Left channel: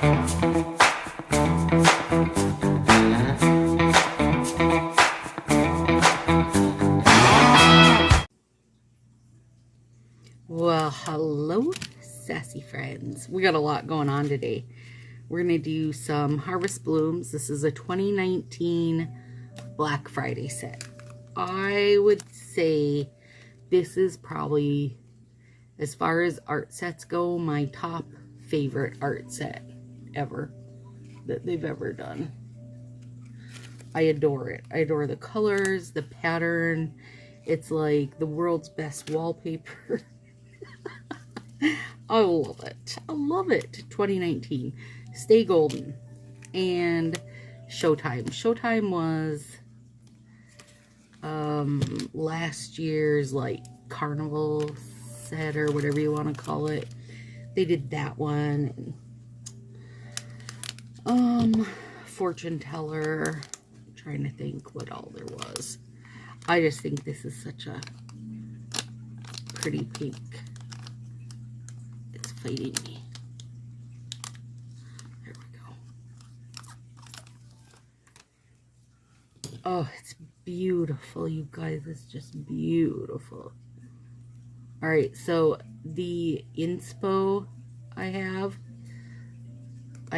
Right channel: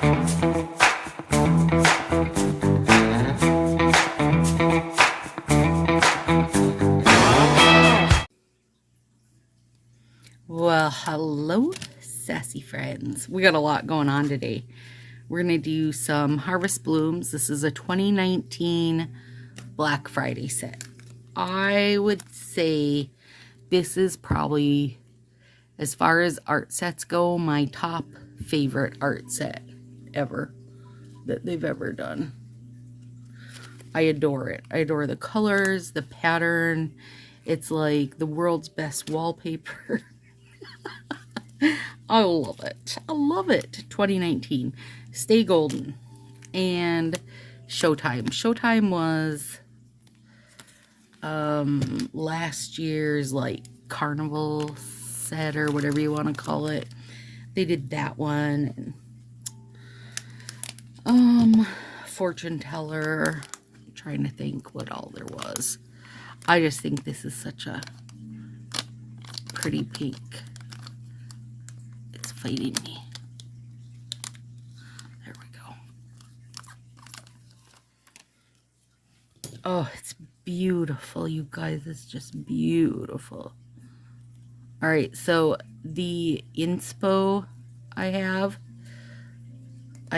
Well, hello, sassy friends. We got a lot going on today. We're going to do some Harvest Blooms. This is a 2019 Black Friday set. I would say this is probably, as far as art sets go, my top favorite art set ever that they've ever done. I adore it. I adore the colors, the pattern. It's like the world's best wallpaper. I love it. I love it. 2019. Stay Golden. And Showtime. Showtime was last year's like carnival set or whatever you want to call it. They did that one. Fortune Teller. I'm trying to think what all there was. I just think this is such a pretty pink. It's fighting me. There we go. Oh, it's beautiful, you guys. It's just beautiful. All right, so the inspo I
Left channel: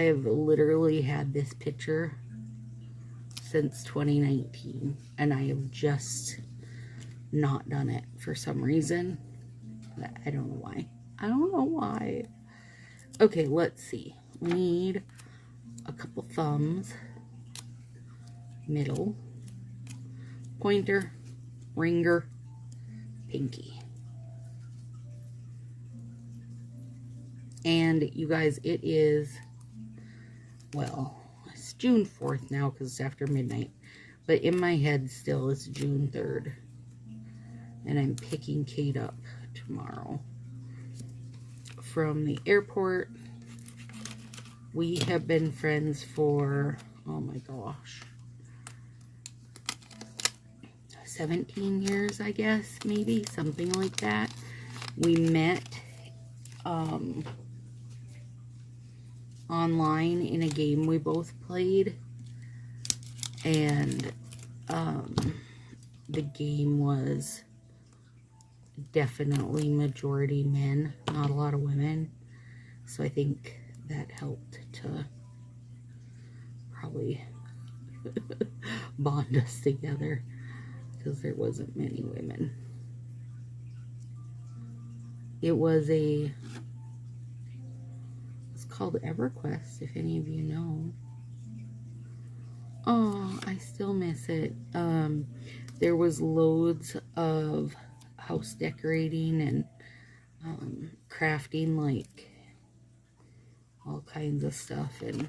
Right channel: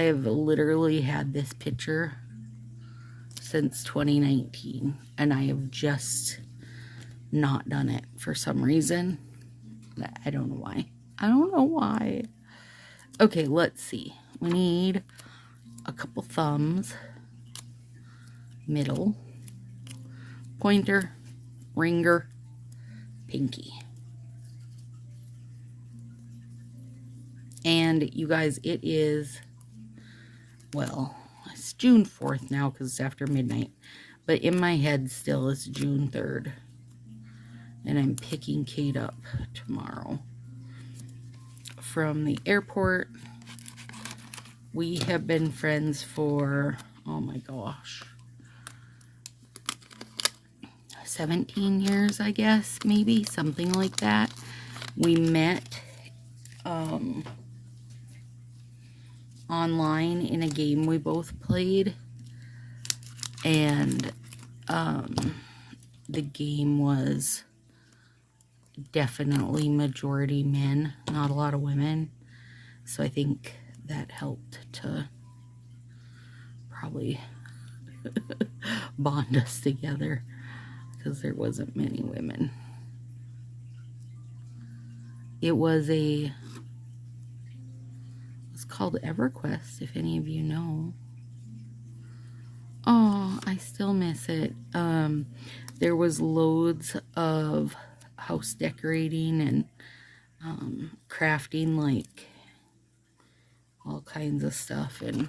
have literally had this picture since 2019, and I have just not done it for some reason. I don't know why. I don't know why. Okay, let's see. We need a couple thumbs, middle, pointer, ringer, pinky. And you guys, it is, well, it's June 4th now because it's after midnight. But in my head still it's June 3rd. And I'm picking Kate up tomorrow from the airport. We have been friends for, oh my gosh, 17 years, I guess, maybe, something like that. We met online in a game we both played, and the game was definitely majority men, not a lot of women, so I think that helped to probably bond us together because there wasn't many women. It was called EverQuest, if any of you know. Oh, I still miss it. There was loads of house decorating and crafting, like all kinds of stuff, and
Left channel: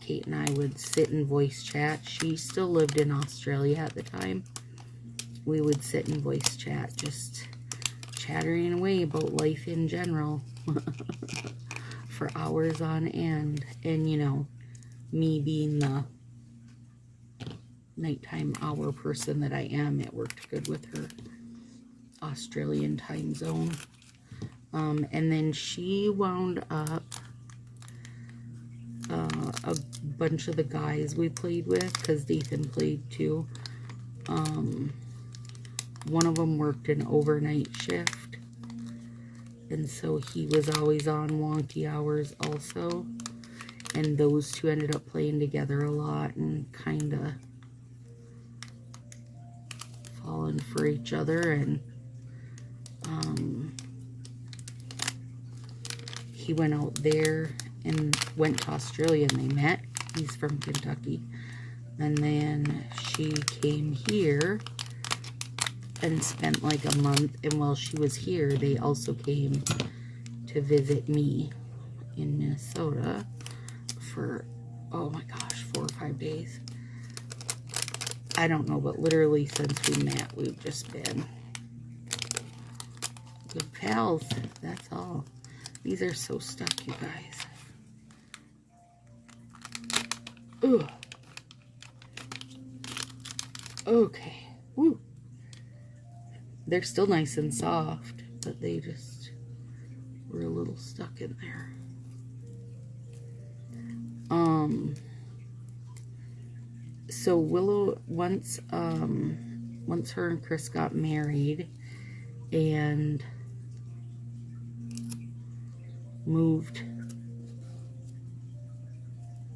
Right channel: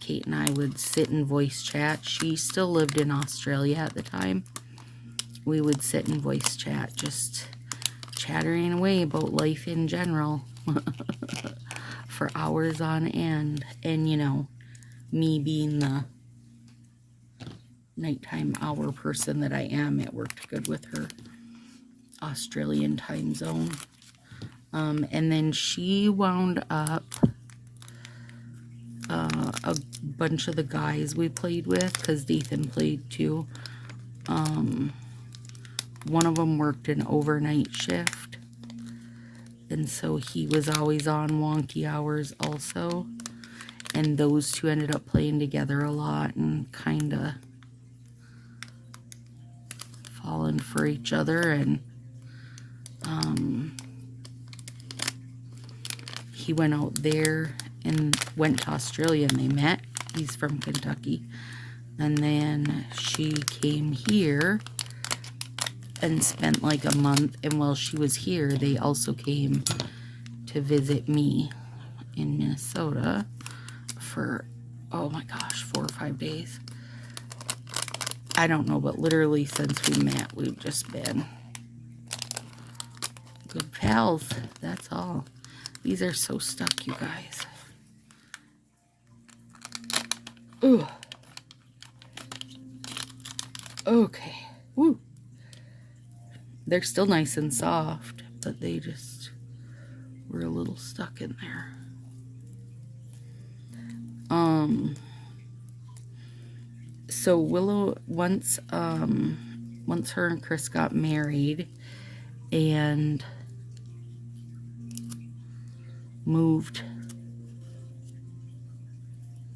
Kate and I would sit and voice chat. She still lived in Australia at the time. We would sit and voice chat, just chattering away about life in general for hours on end. And you know, me being the nighttime hour person that I am, it worked good with her Australian time zone. And then she wound up, a bunch of the guys we played with, because Dathan played too, one of them worked an overnight shift, and so he was always on wonky hours also, and those two ended up playing together a lot and kind of falling for each other. And he went out there and went to Australia, and they met. He's from Kentucky. And then she came here and spent like a month, and while she was here, they also came to visit me in Minnesota for, oh my gosh, 4 or 5 days. I don't know, but literally since we met, we've just been good pals. That's all. These are so stuck, you guys. Ooh. Okay. Woo. They're still nice and soft, but they just were a little stuck in there. So Willow, once her and Chris got married and moved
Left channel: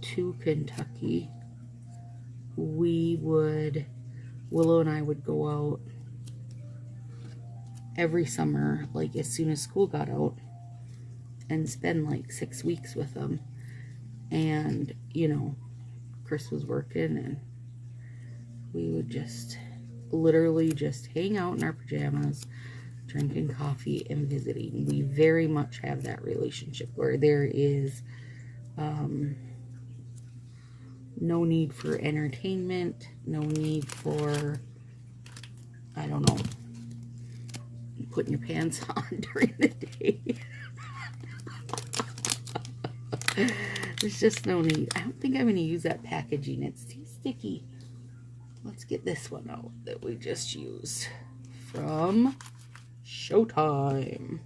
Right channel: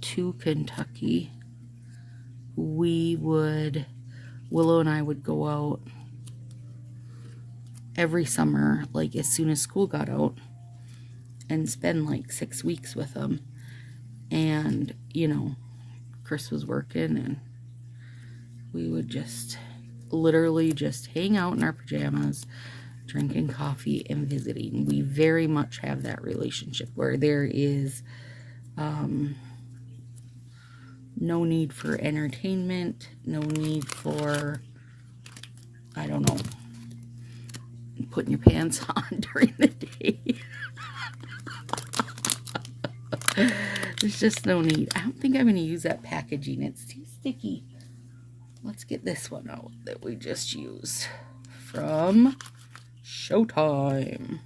to Kentucky, Willow and I would go out every summer, like as soon as school got out, and spend like 6 weeks with them. And, you know, Chris was working, and we would just literally just hang out in our pajamas, drinking coffee and visiting. We very much have that relationship where there is no need for entertainment, no need for, I don't know, putting your pants on during the day. There's just no need. I don't think I'm going to use that packaging. It's too sticky. Let's get this one out that we just used from Showtime.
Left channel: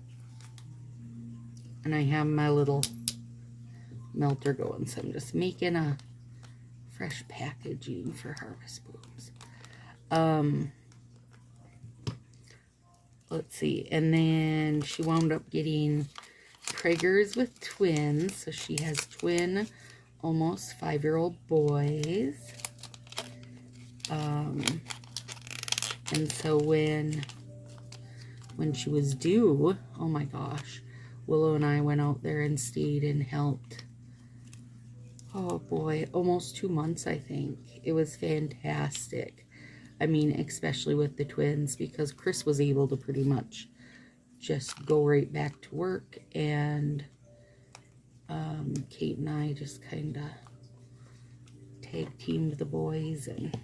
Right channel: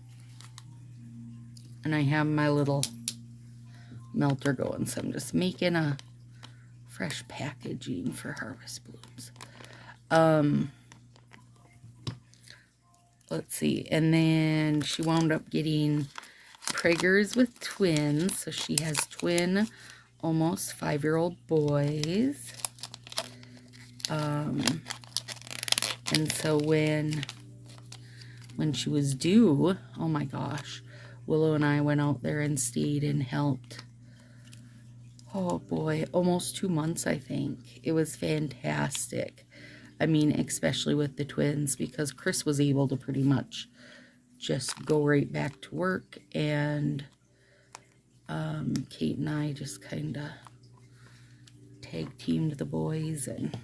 And I have my little melter going, so I'm just making a fresh packaging for Harvest Blooms. Let's see. And then she wound up getting Prager's with twins. So she has twin, almost 5-year-old boys. And so when she was due, oh my gosh, Willow and I went out there and stayed and helped. Oh boy, almost 2 months, I think. It was fantastic. I mean, especially with the twins, because Chris was able to pretty much just go right back to work, and Kate and I just kind of tag teamed the boys, and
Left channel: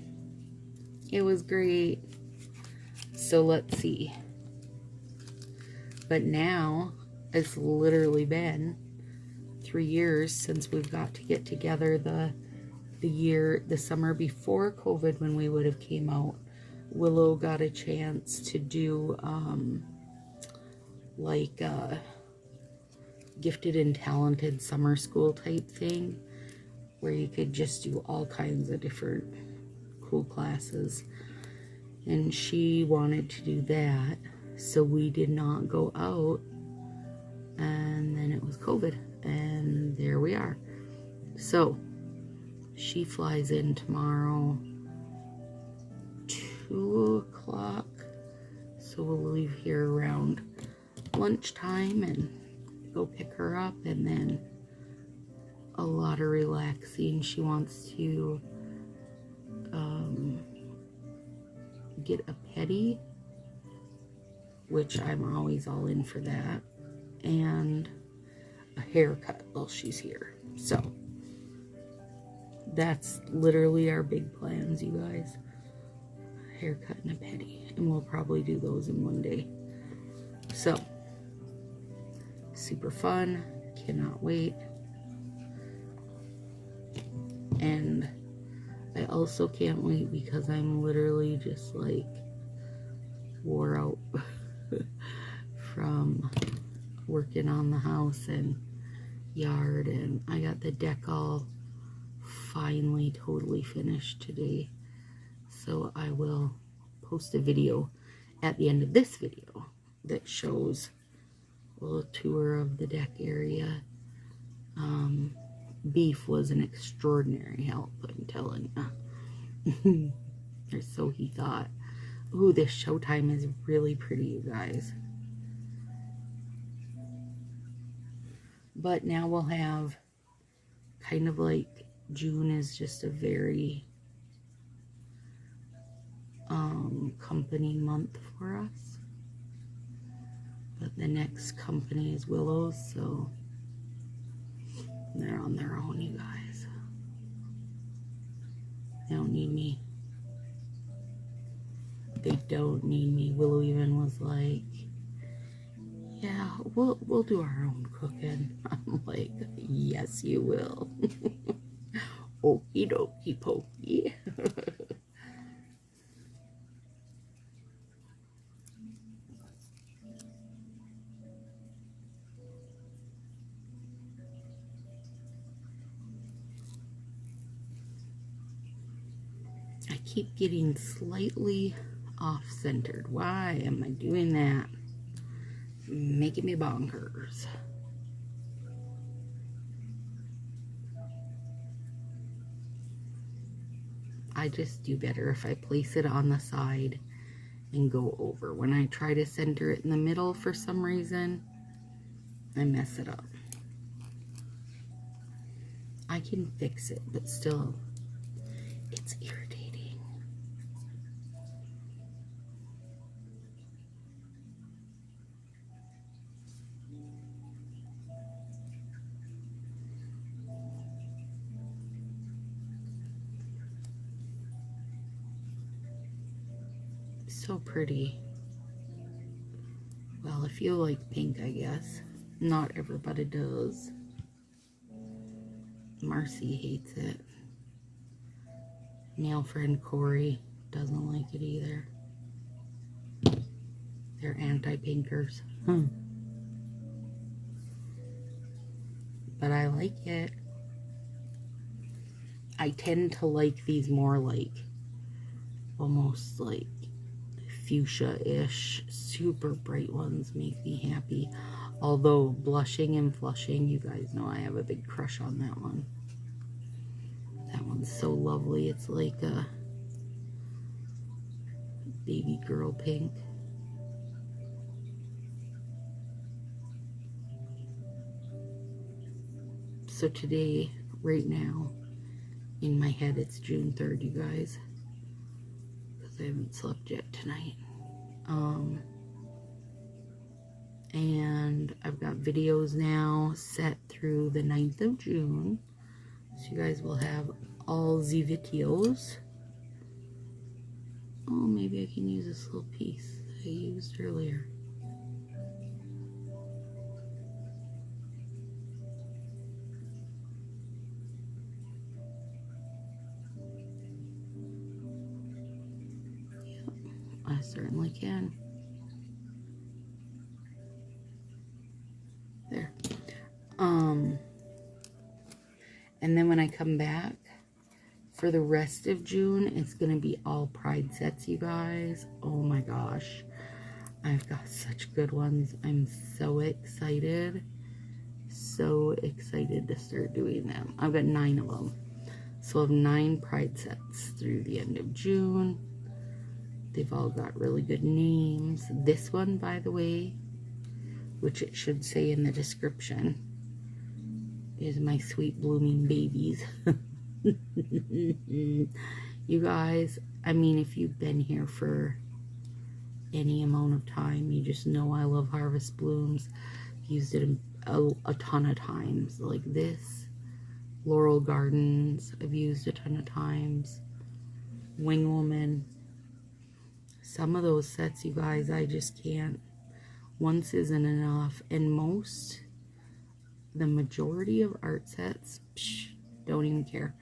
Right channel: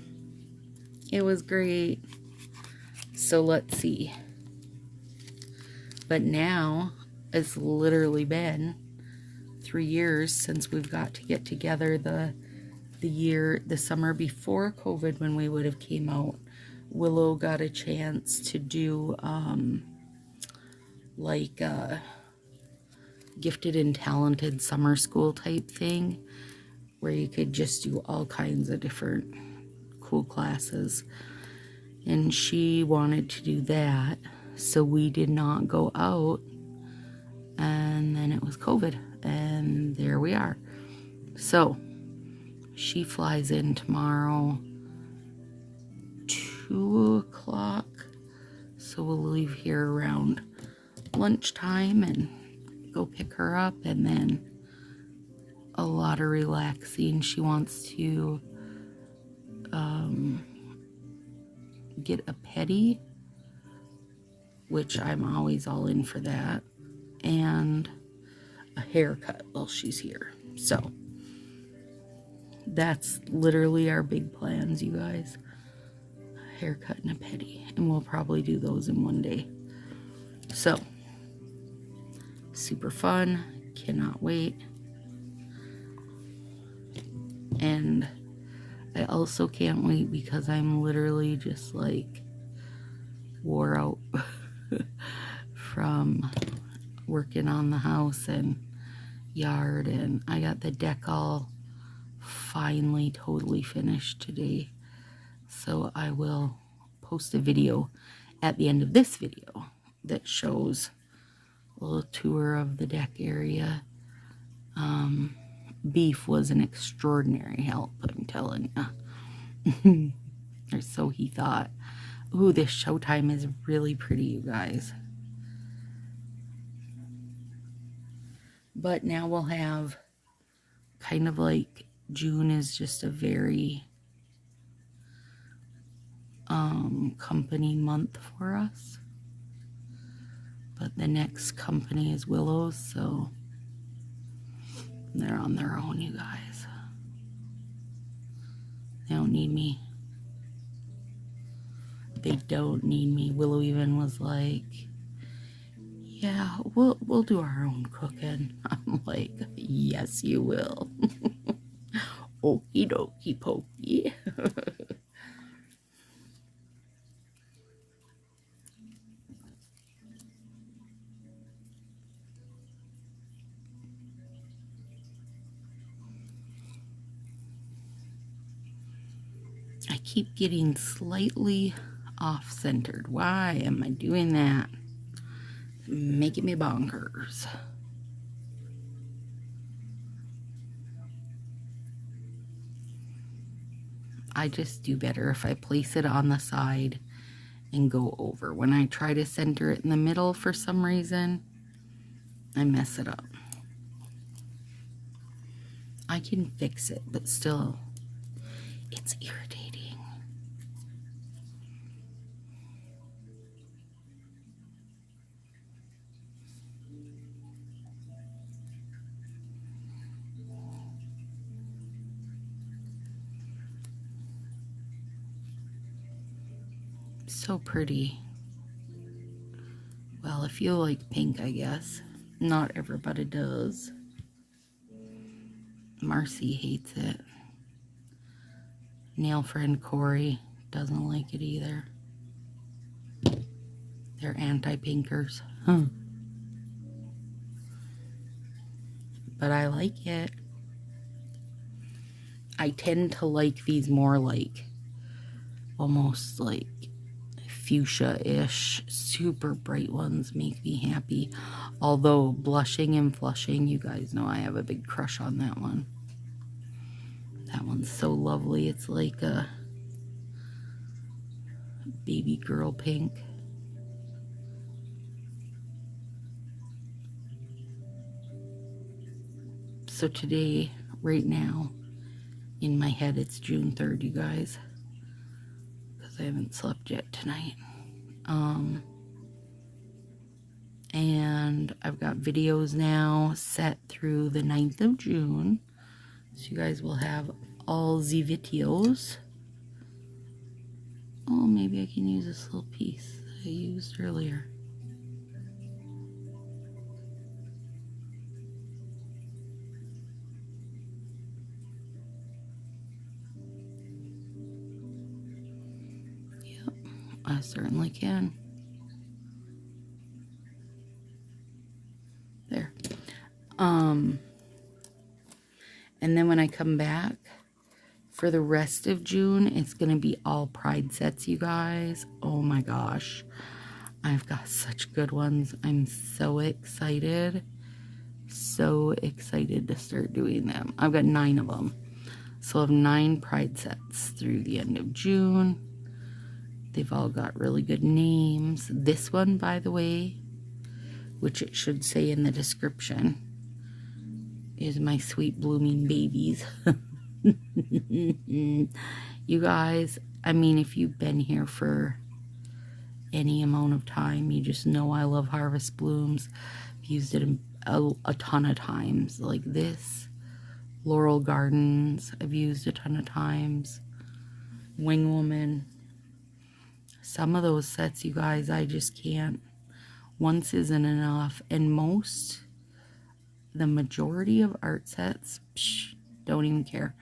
it was great. So let's see. But now it's literally been 3 years since we've got to get together. The summer before COVID, when we would have came out, Willow got a chance to do like a gifted and talented summer school type thing, where you could just do all kinds of different cool classes, and she wanted to do that, so we did not go out. And then it was COVID, and there we are. So she flies in tomorrow, 2 o'clock. So we'll leave here around lunchtime and go pick her up, and then a lot of relaxing. She wants to get a pedi, which I'm always all in for that, and a haircut while she's here. So that's literally our big plans, you guys. A haircut and a pedi, and we'll probably do those in one day. So super fun, cannot wait. And I also can't wait because I'm literally just like wore out from working on the house and yard, and I got the deck all finally totally finished today. So I will post a video at the end of this video that shows a little tour of the deck area. Beef was an extraordinary help, I'm telling you. Or so he thought. Ooh, this Showtime is really pretty, you guys. But now we'll have kind of like, June is just a very company month for us. But the next company is Willow's, so they're on their own, you guys. They don't need me. They don't need me. Willow even was like, yeah, we'll do our own cooking. I'm like, yes, you will. Okie dokie pokey. I keep getting slightly off-centered. Why am I doing that? Making me bonkers. I just do better if I place it on the side and go over. When I try to center it in the middle for some reason, I mess it up. I can fix it, but still, it's irritating. So pretty. Well, if you like pink, I guess. Not everybody does. Marcy hates it. Nail friend Corey doesn't like it either. They're anti-pinkers. But I like it. I tend to like these more like, almost like fuchsia-ish. Super bright ones make me happy. Although blushing and flushing, you guys know I have a big crush on that one. That one's so lovely. It's like a baby girl pink. So today, right now, in my head, it's June 3rd, you guys. Because I haven't slept yet tonight. And I've got videos now set through the 9th of June. So you guys will have all the videos. Oh, maybe I can use this little piece that I used earlier. Yep, I certainly can. There. And then when I come back for the rest of June, it's going to be all Pride sets, you guys. Oh my gosh. I've got such good ones. I'm so excited. So excited to start doing them. I've got 9 of them. So I have 9 Pride sets through the end of June. They've all got really good names. This one, by the way, which it should say in the description, is my sweet blooming babies. You guys, I mean, if you've been here for any amount of time, you just know I love Harvest Blooms. I've used it a ton of times. Like this, Laurel Gardens, I've used a ton of times. Wing Woman. Some of those sets, you guys, I just can't. Once isn't enough. And the majority of art sets, don't even care.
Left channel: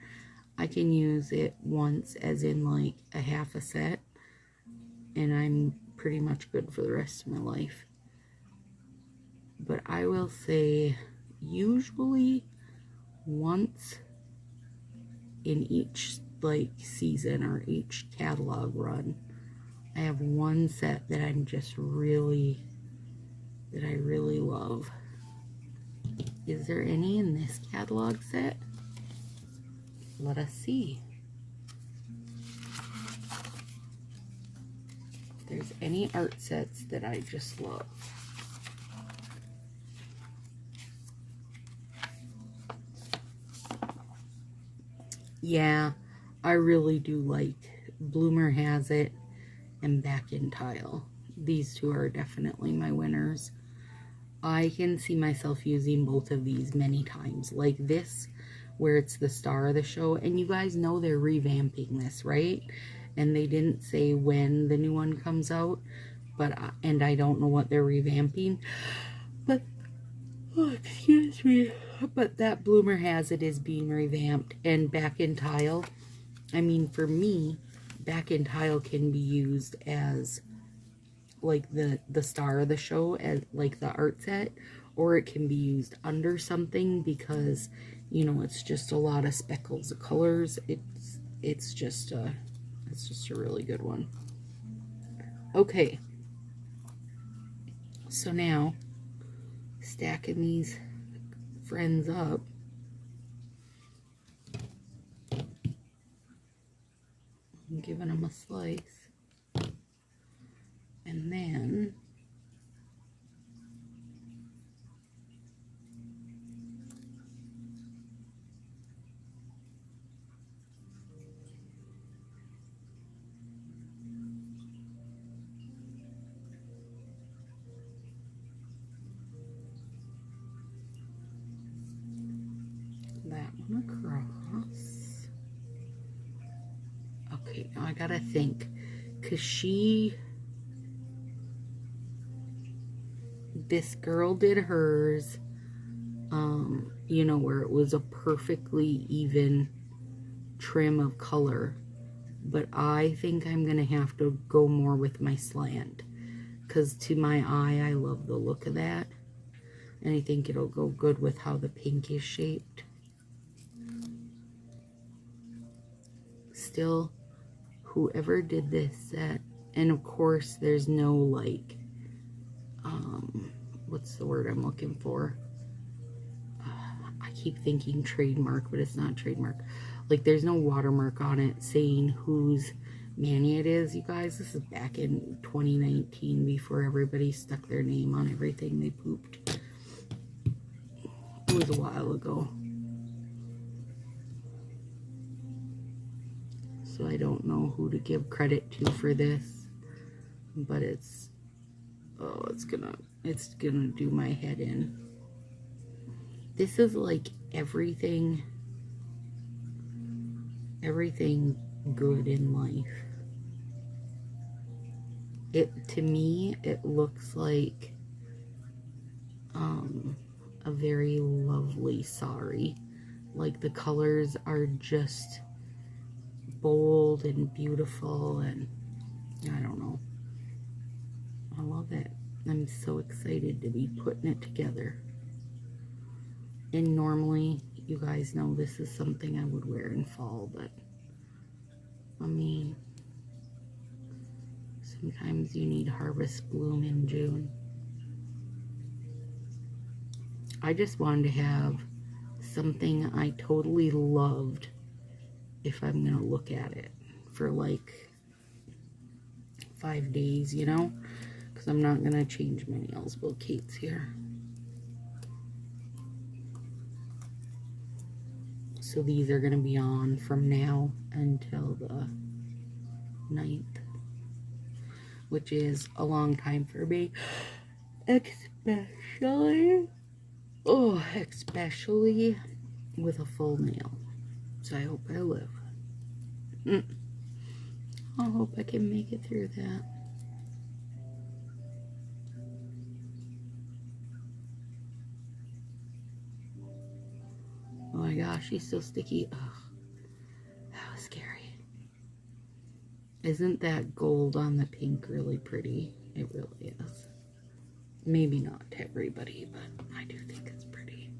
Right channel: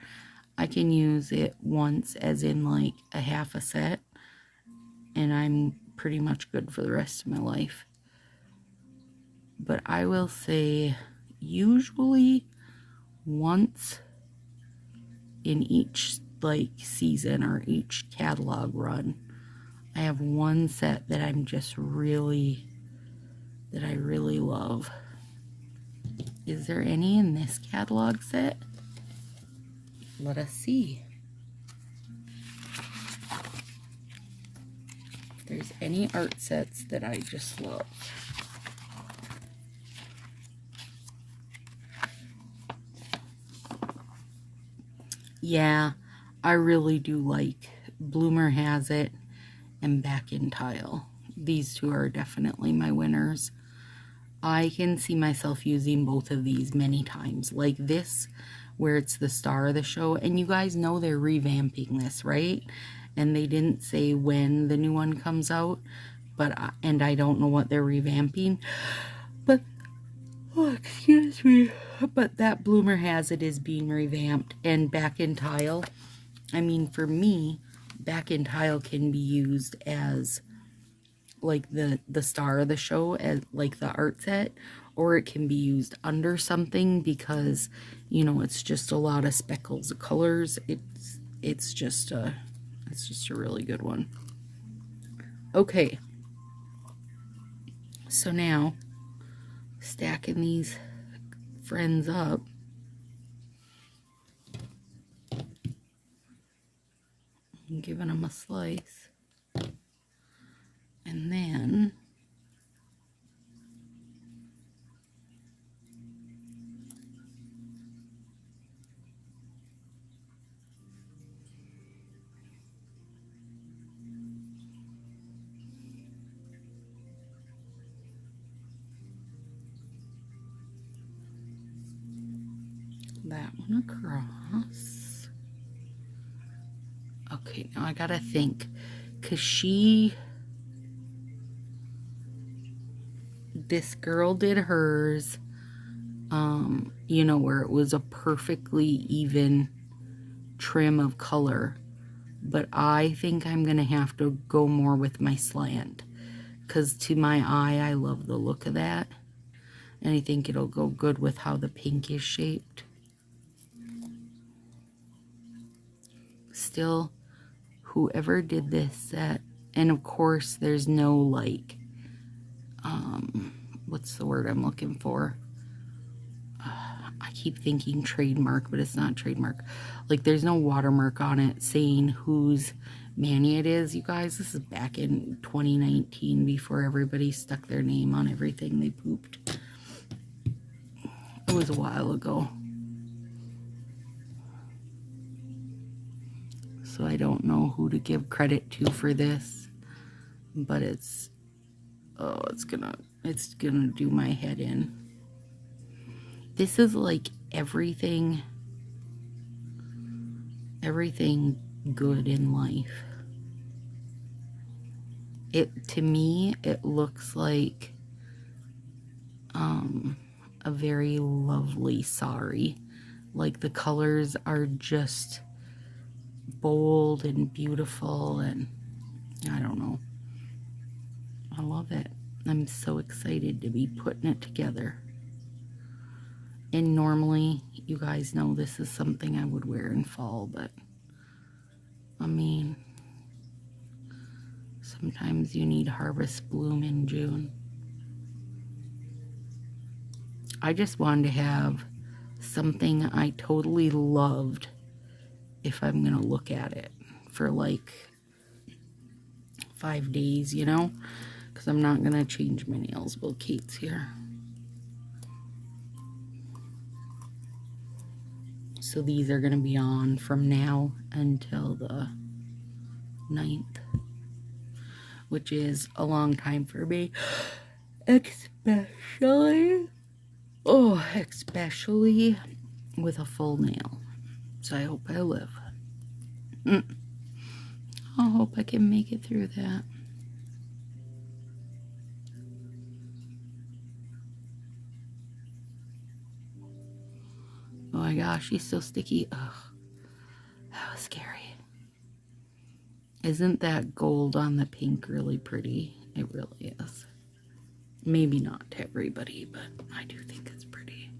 I can use it once, as in like a half a set, and I'm pretty much good for the rest of my life. But I will say, usually once in each like season or each catalog run, I have one set that I'm just really, that I really love. Is there any in this catalog set? Let us see. If there's any art sets that I just love. Yeah, I really do like Bloomer Has It and Back in Tile. These two are definitely my winners. I can see myself using both of these many times. Like this, where it's the star of the show. And you guys know they're revamping this, right? And they didn't say when the new one comes out. And I don't know what they're revamping. But, oh, excuse me. But that Bloomer Has It is being revamped. And Back in Tile, I mean, for me, Back in Tile can be used as like the star of the show, as like the art set, or it can be used under something because, you know, it's just a lot of speckles of colors. It's just a It's just a really good one. Okay. So now, stacking these friends up. And giving them a slice. And then that one across. Okay, now I gotta think, because this girl did hers, you know, where it was a perfectly even trim of color, but I think I'm gonna have to go more with my slant, because to my eye, I love the look of that, and I think it'll go good with how the pink is shaped. Still, whoever did this set, and of course there's no like, what's the word I'm looking for? I keep thinking trademark, but it's not trademark. Like, there's no watermark on it saying whose mani it is, you guys. This is back in 2019, before everybody stuck their name on everything they pooped. It was a while ago. So I don't know who to give credit to for this, but it's, oh, it's gonna do my head in. This is like everything good in life. To me, it looks like a very lovely sari. Like, the colors are just bold and beautiful, and I don't know. I love it. I'm so excited to be putting it together. And normally, you guys know this is something I would wear in fall, but I mean, sometimes you need harvest bloom in June. I just wanted to have something I totally loved if I'm gonna look at it for like 5 days, you know, because I'm not gonna change my nails while Kate's here. So these are gonna be on from now until the 9th, which is a long time for me, especially with a full nail. So I hope I live. I hope I can make it through that. Oh my gosh, she's so sticky. Ugh, that was scary. Isn't that gold on the pink really pretty? It really is. Maybe not to everybody, but I do think it's pretty.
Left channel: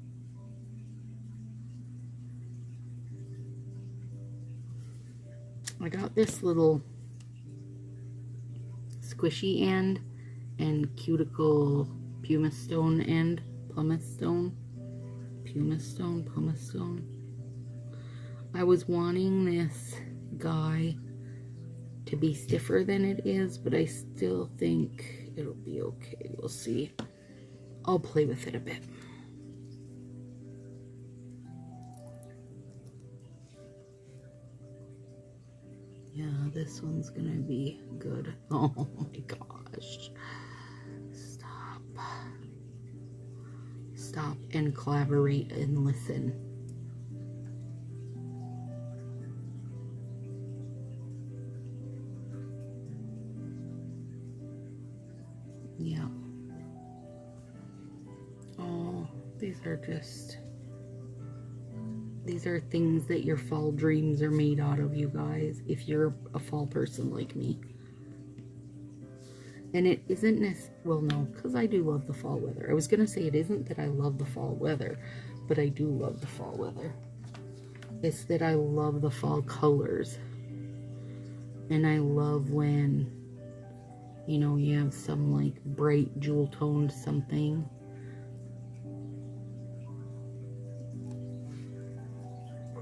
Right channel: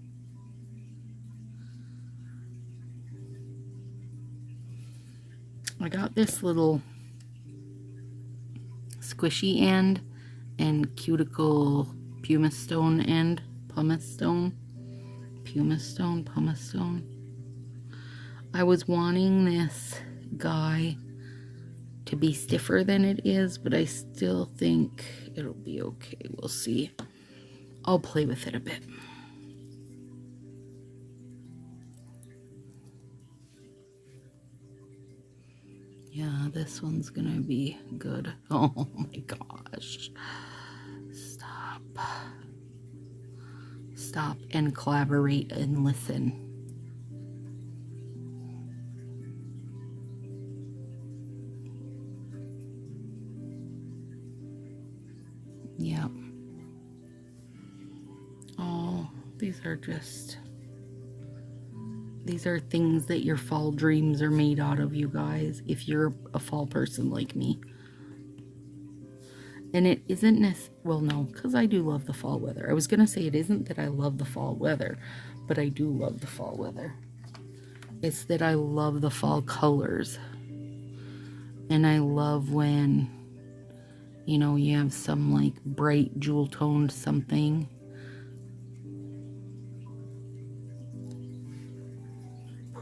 I got this little squishy end and cuticle pumice stone end. Pumice stone. I was wanting this guy to be stiffer than it is, but I still think it'll be okay. We'll see. I'll play with it a bit. Yeah, this one's gonna be good. Oh my gosh. Stop and collaborate and listen. Yeah. Oh, these are things that your fall dreams are made out of, you guys, if you're a fall person like me. And it isn't well, no, because I do love the fall weather. I was going to say it isn't that I love the fall weather, but I do love the fall weather. It's that I love the fall colors. And I love when, you know, you have some like bright jewel toned something.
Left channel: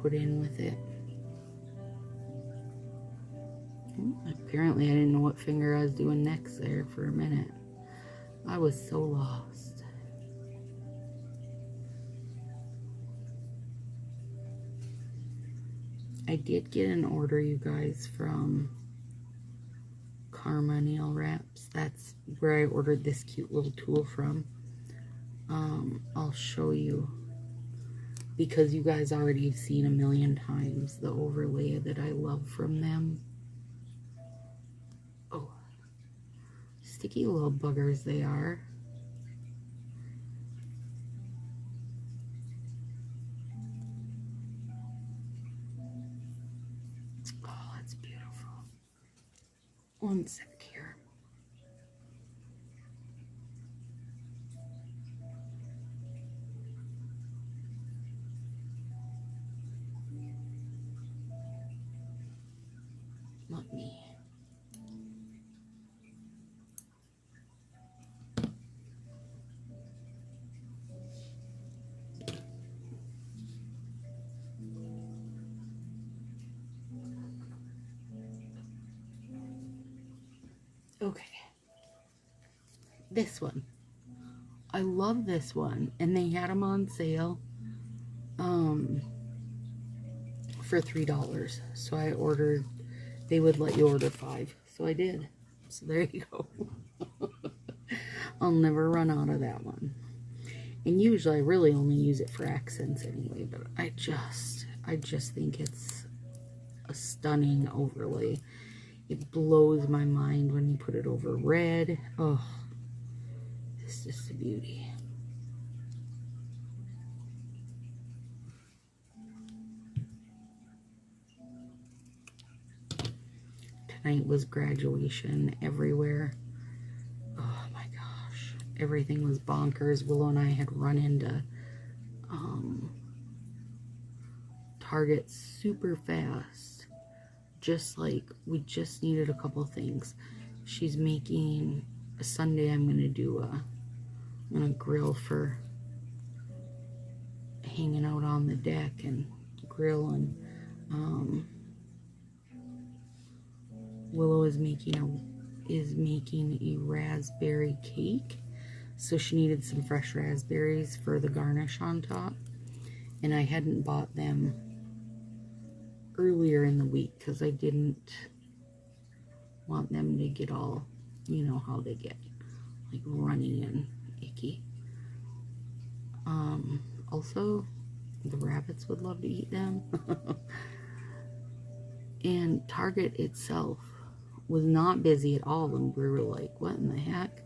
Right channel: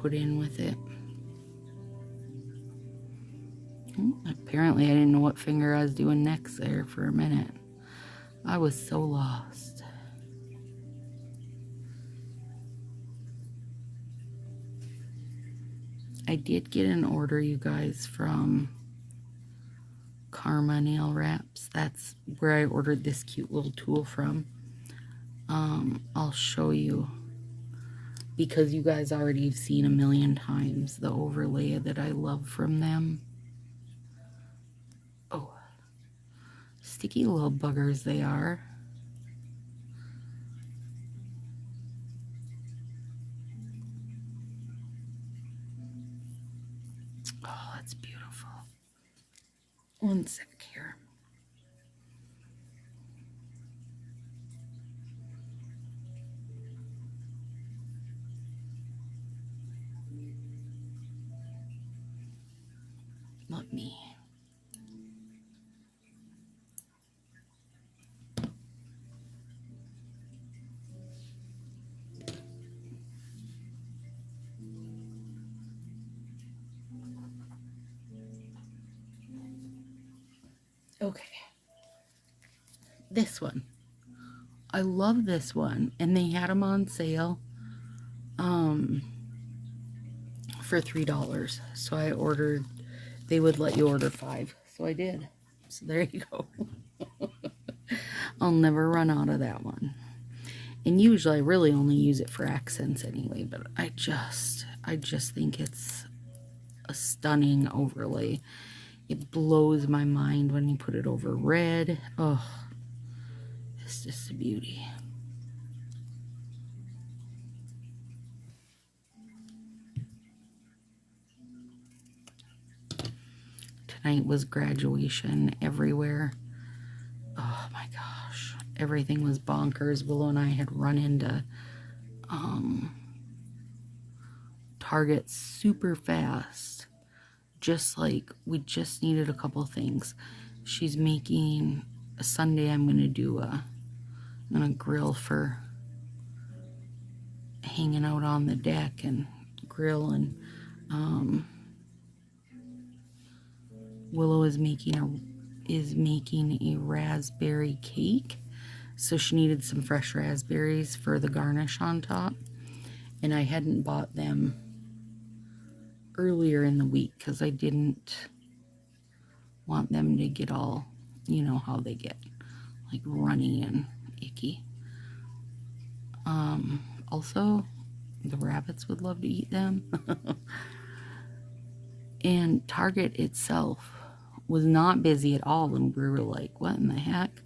Put in with it. Apparently I didn't know what finger I was doing next there for a minute. I was so lost. I did get an order, you guys, from Karma Nail Wraps. That's where I ordered this cute little tool from. I'll show you, because you guys already have seen a million times the overlay that I love from them. Oh, sticky little buggers they are. Oh, that's beautiful. One sec here. Let me. Okay. This one. I love this one, and they had them on sale for $3. So I ordered, they would let you order 5. So I did. So there you go. I'll never run out of that one. And usually I really only use it for accents anyway, but I just think it's a stunning overlay. It blows my mind when you put it over red. Oh, it's just a beauty. Tonight was graduation everywhere. Oh my gosh, everything was bonkers. Willow and I had run into Target super fast. Just like, we just needed a couple things. She's making a Sunday. I'm gonna grill for hanging out on the deck and grill, and Willow is making a raspberry cake. So she needed some fresh raspberries for the garnish on top, and I hadn't bought them earlier in the week because I didn't want them to get all, you know how they get, like runny and icky. Also, the rabbits would love to eat them. And Target itself was not busy at all, and we were like, what in the heck?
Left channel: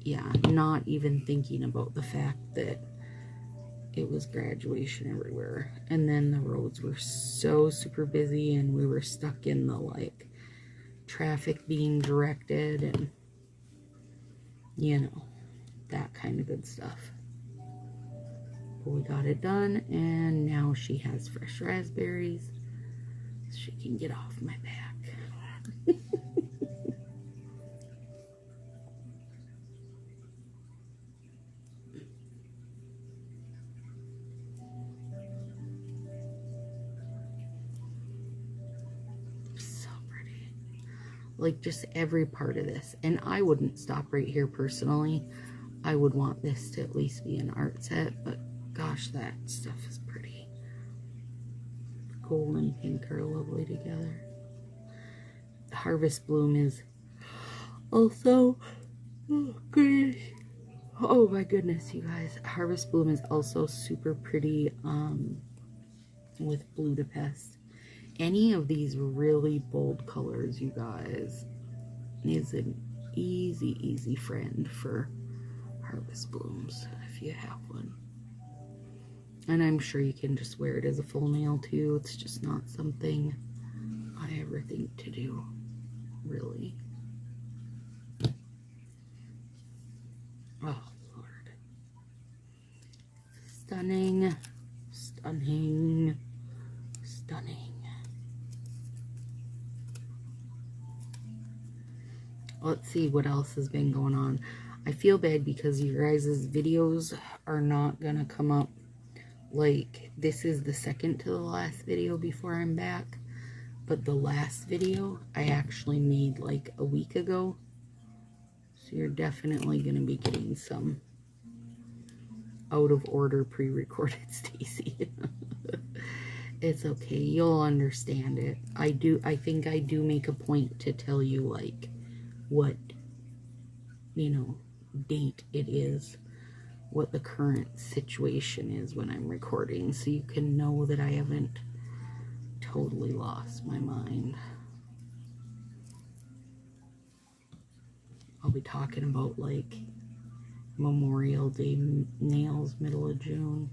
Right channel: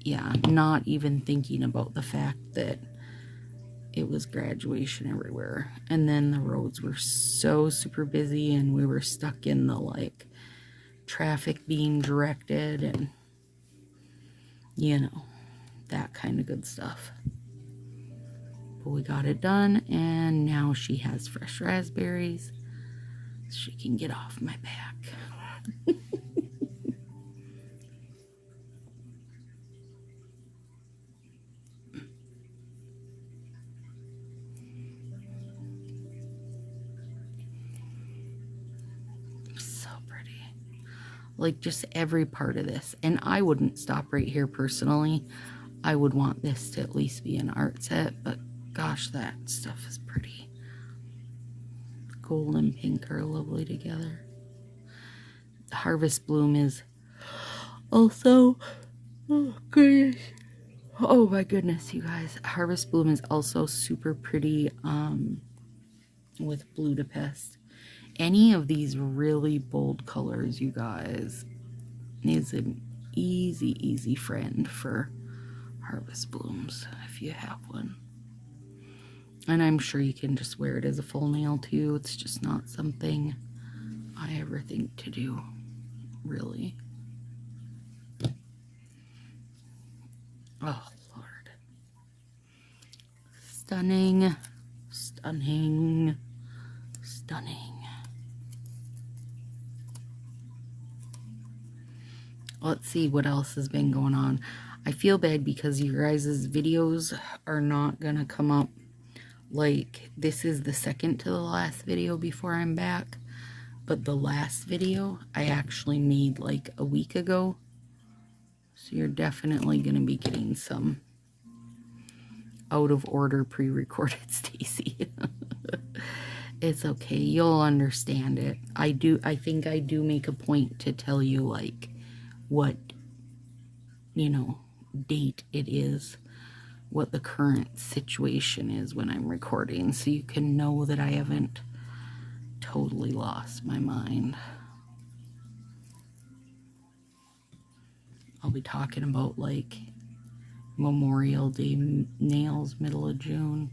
Yeah, not even thinking about the fact that it was graduation everywhere. And then the roads were so super busy, and we were stuck in the like traffic being directed and, you know, that kind of good stuff. But we got it done, and now she has fresh raspberries so she can get off my back. So pretty. Like, just every part of this. And I wouldn't stop right here personally. I would want this to at least be an art set, but gosh, that stuff is pretty. Gold and pink are lovely together. The Harvest Bloom is also, oh goodness, oh my goodness, you guys. Harvest Bloom is also super pretty with Budapest. Any of these really bold colors, you guys, is an easy friend for Harvest Blooms if you have one. And I'm sure you can just wear it as a full nail too. It's just not something I ever think to do, really. Oh, Lord. Stunning, stunning, stunning. Let's see what else has been going on. I feel bad because your guys' videos are not gonna come up. Like, this is the second to the last video before I'm back. But the last video I actually made like a week ago. So you're definitely gonna be getting some out of order pre-recorded Stacy. It's okay, you'll understand it. I think I do make a point to tell you like what, you know, date it is, what the current situation is when I'm recording, so you can know that I haven't totally lost my mind. I'll be talking about like Memorial Day nails, middle of June.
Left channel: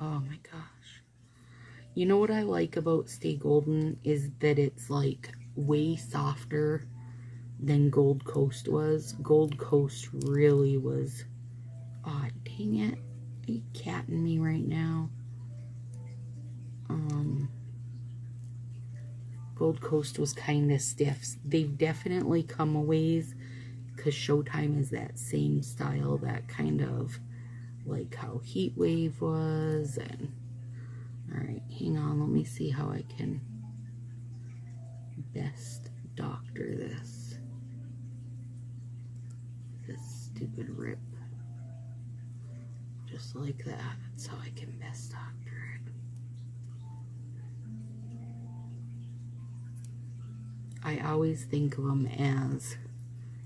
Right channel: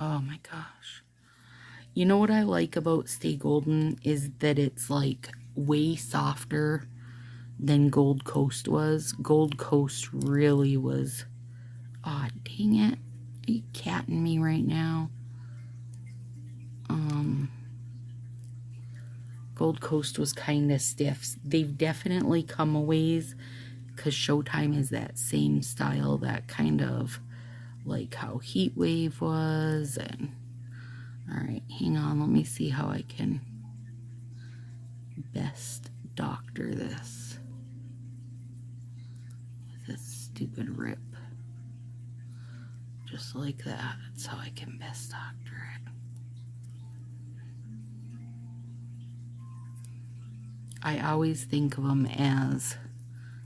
Oh my gosh. You know what I like about Stay Golden is that it's like way softer than Gold Coast was. Gold Coast really was... Aw, dang it. Are you catting me right now? Gold Coast was kind of stiff. They've definitely come a ways because Showtime is that same style, that kind of like how Heat Wave was. And alright, hang on, let me see how I can best doctor this. This stupid rip. Just like that. That's how I can best doctor it. I always think of them as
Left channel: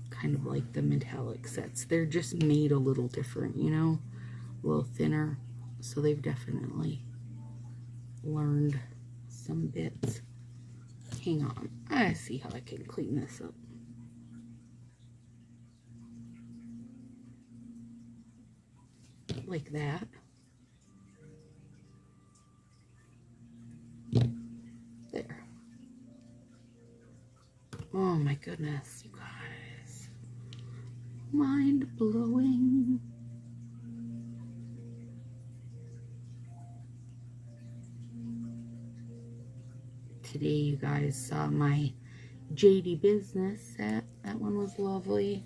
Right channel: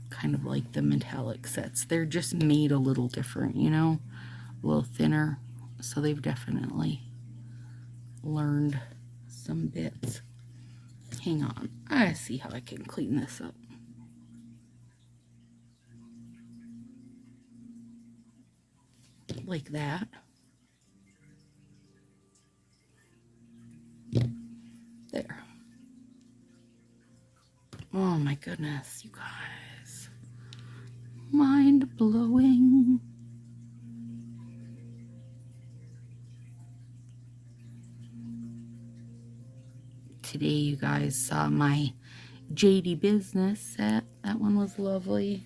kind of like the metallic sets. They're just made a little different, you know? A little thinner. So they've definitely learned some bits. Hang on. I see how I can clean this up. Like that. There. Oh my goodness, you guys. Mind blowing. Today you guys saw my JD Business set. That one was lovely.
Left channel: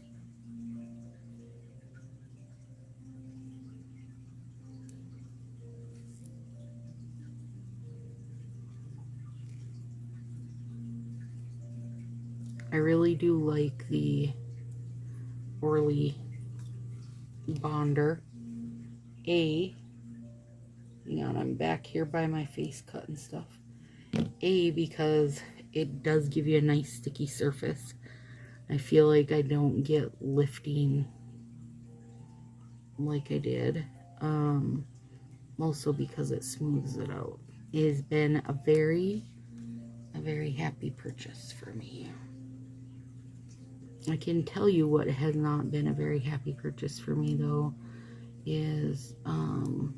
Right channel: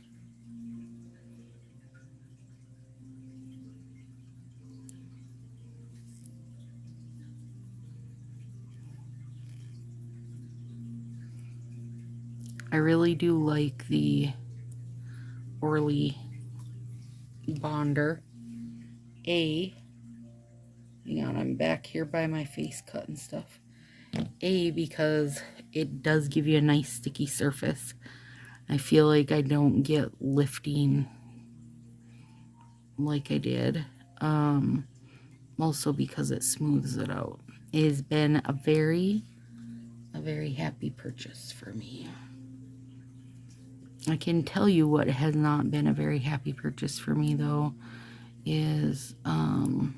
I really do like the Orly Bonder. Hang on, I'm back here by my face cut and stuff. Because it does give you a nice sticky surface. I feel like I don't get lifting like I did. Also because it smooths it out. It has been a very happy purchase for me. I can tell you what has not been a very happy purchase for me though is the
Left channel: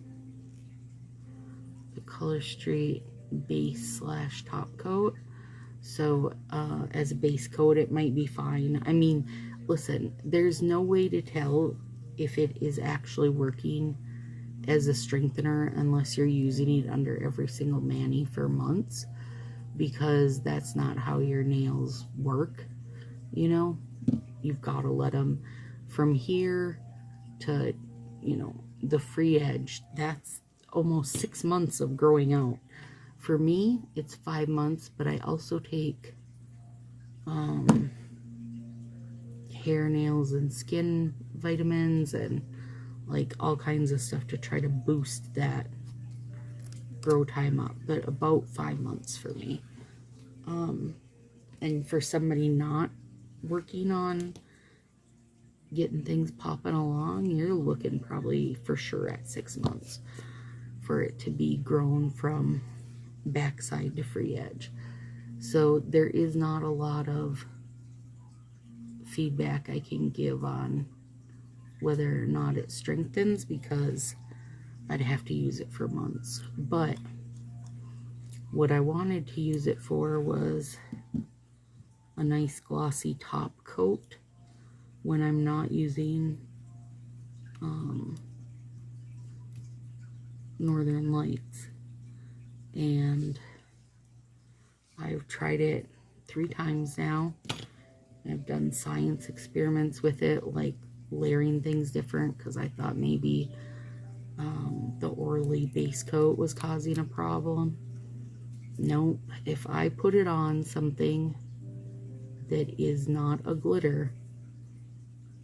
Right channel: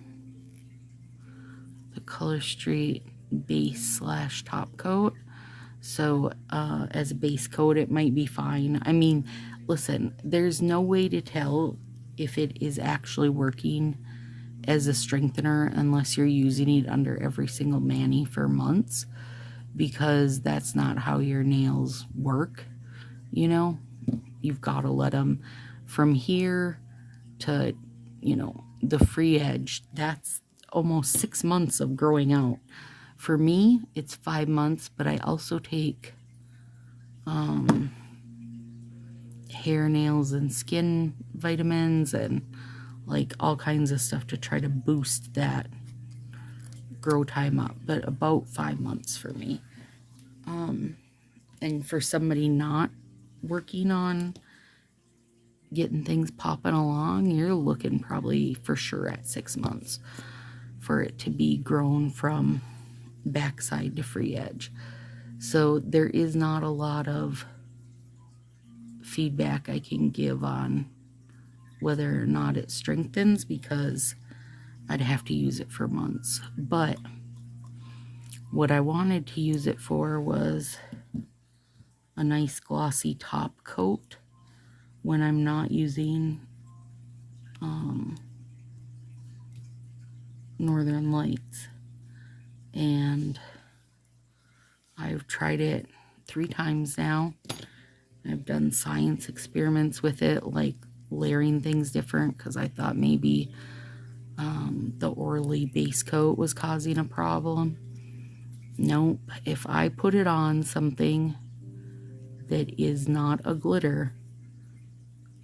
Color Street base / top coat. So as a base coat it might be fine. I mean, listen, there's no way to tell if it is actually working as a strengthener unless you're using it under every single mani for months, because that's not how your nails work, you know. You've got to let them from here to, you know, the free edge. That's almost 6 months of growing out. For me, it's 5 months, but I also take hair, nails, and skin vitamins and like all kinds of stuff to try to boost that grow time up. But about 5 months for me. And for somebody not working on getting things popping along, you're looking probably for sure at 6 months for it to be grown from backside to free edge. So there is not a lot of feedback I can give on whether or not it strengthens, because I'd have to use it for months. But what I wanted to use it for was a nice glossy top coat when I'm not using Northern Lights. And I've tried it 3 times now. I've done science experiments with it, like layering things different, because I thought maybe the Orly base coat was causing a problem. Nope. If I put it on something that is not a glitter,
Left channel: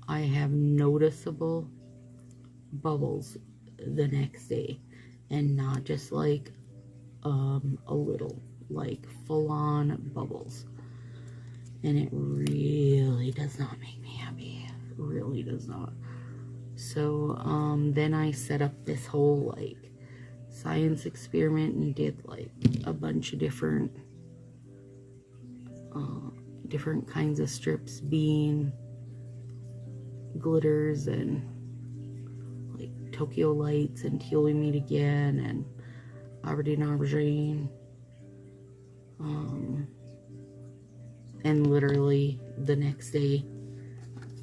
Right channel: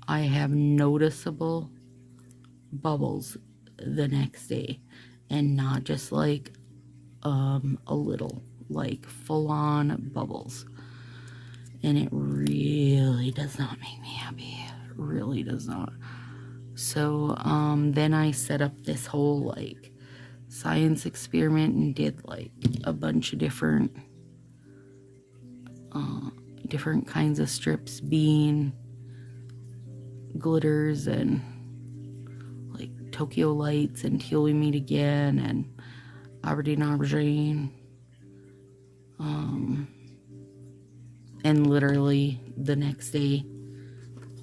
I have noticeable bubbles the next day, and not just like a little, like full-on bubbles. And it really does not make me happy. It really does not. So then I set up this whole like science experiment and did like a bunch of different kinds of strips, bean, glitters, and like Tokyo Lights and Teal We Meet Again and Aberdeen Aubergine. And literally the next day,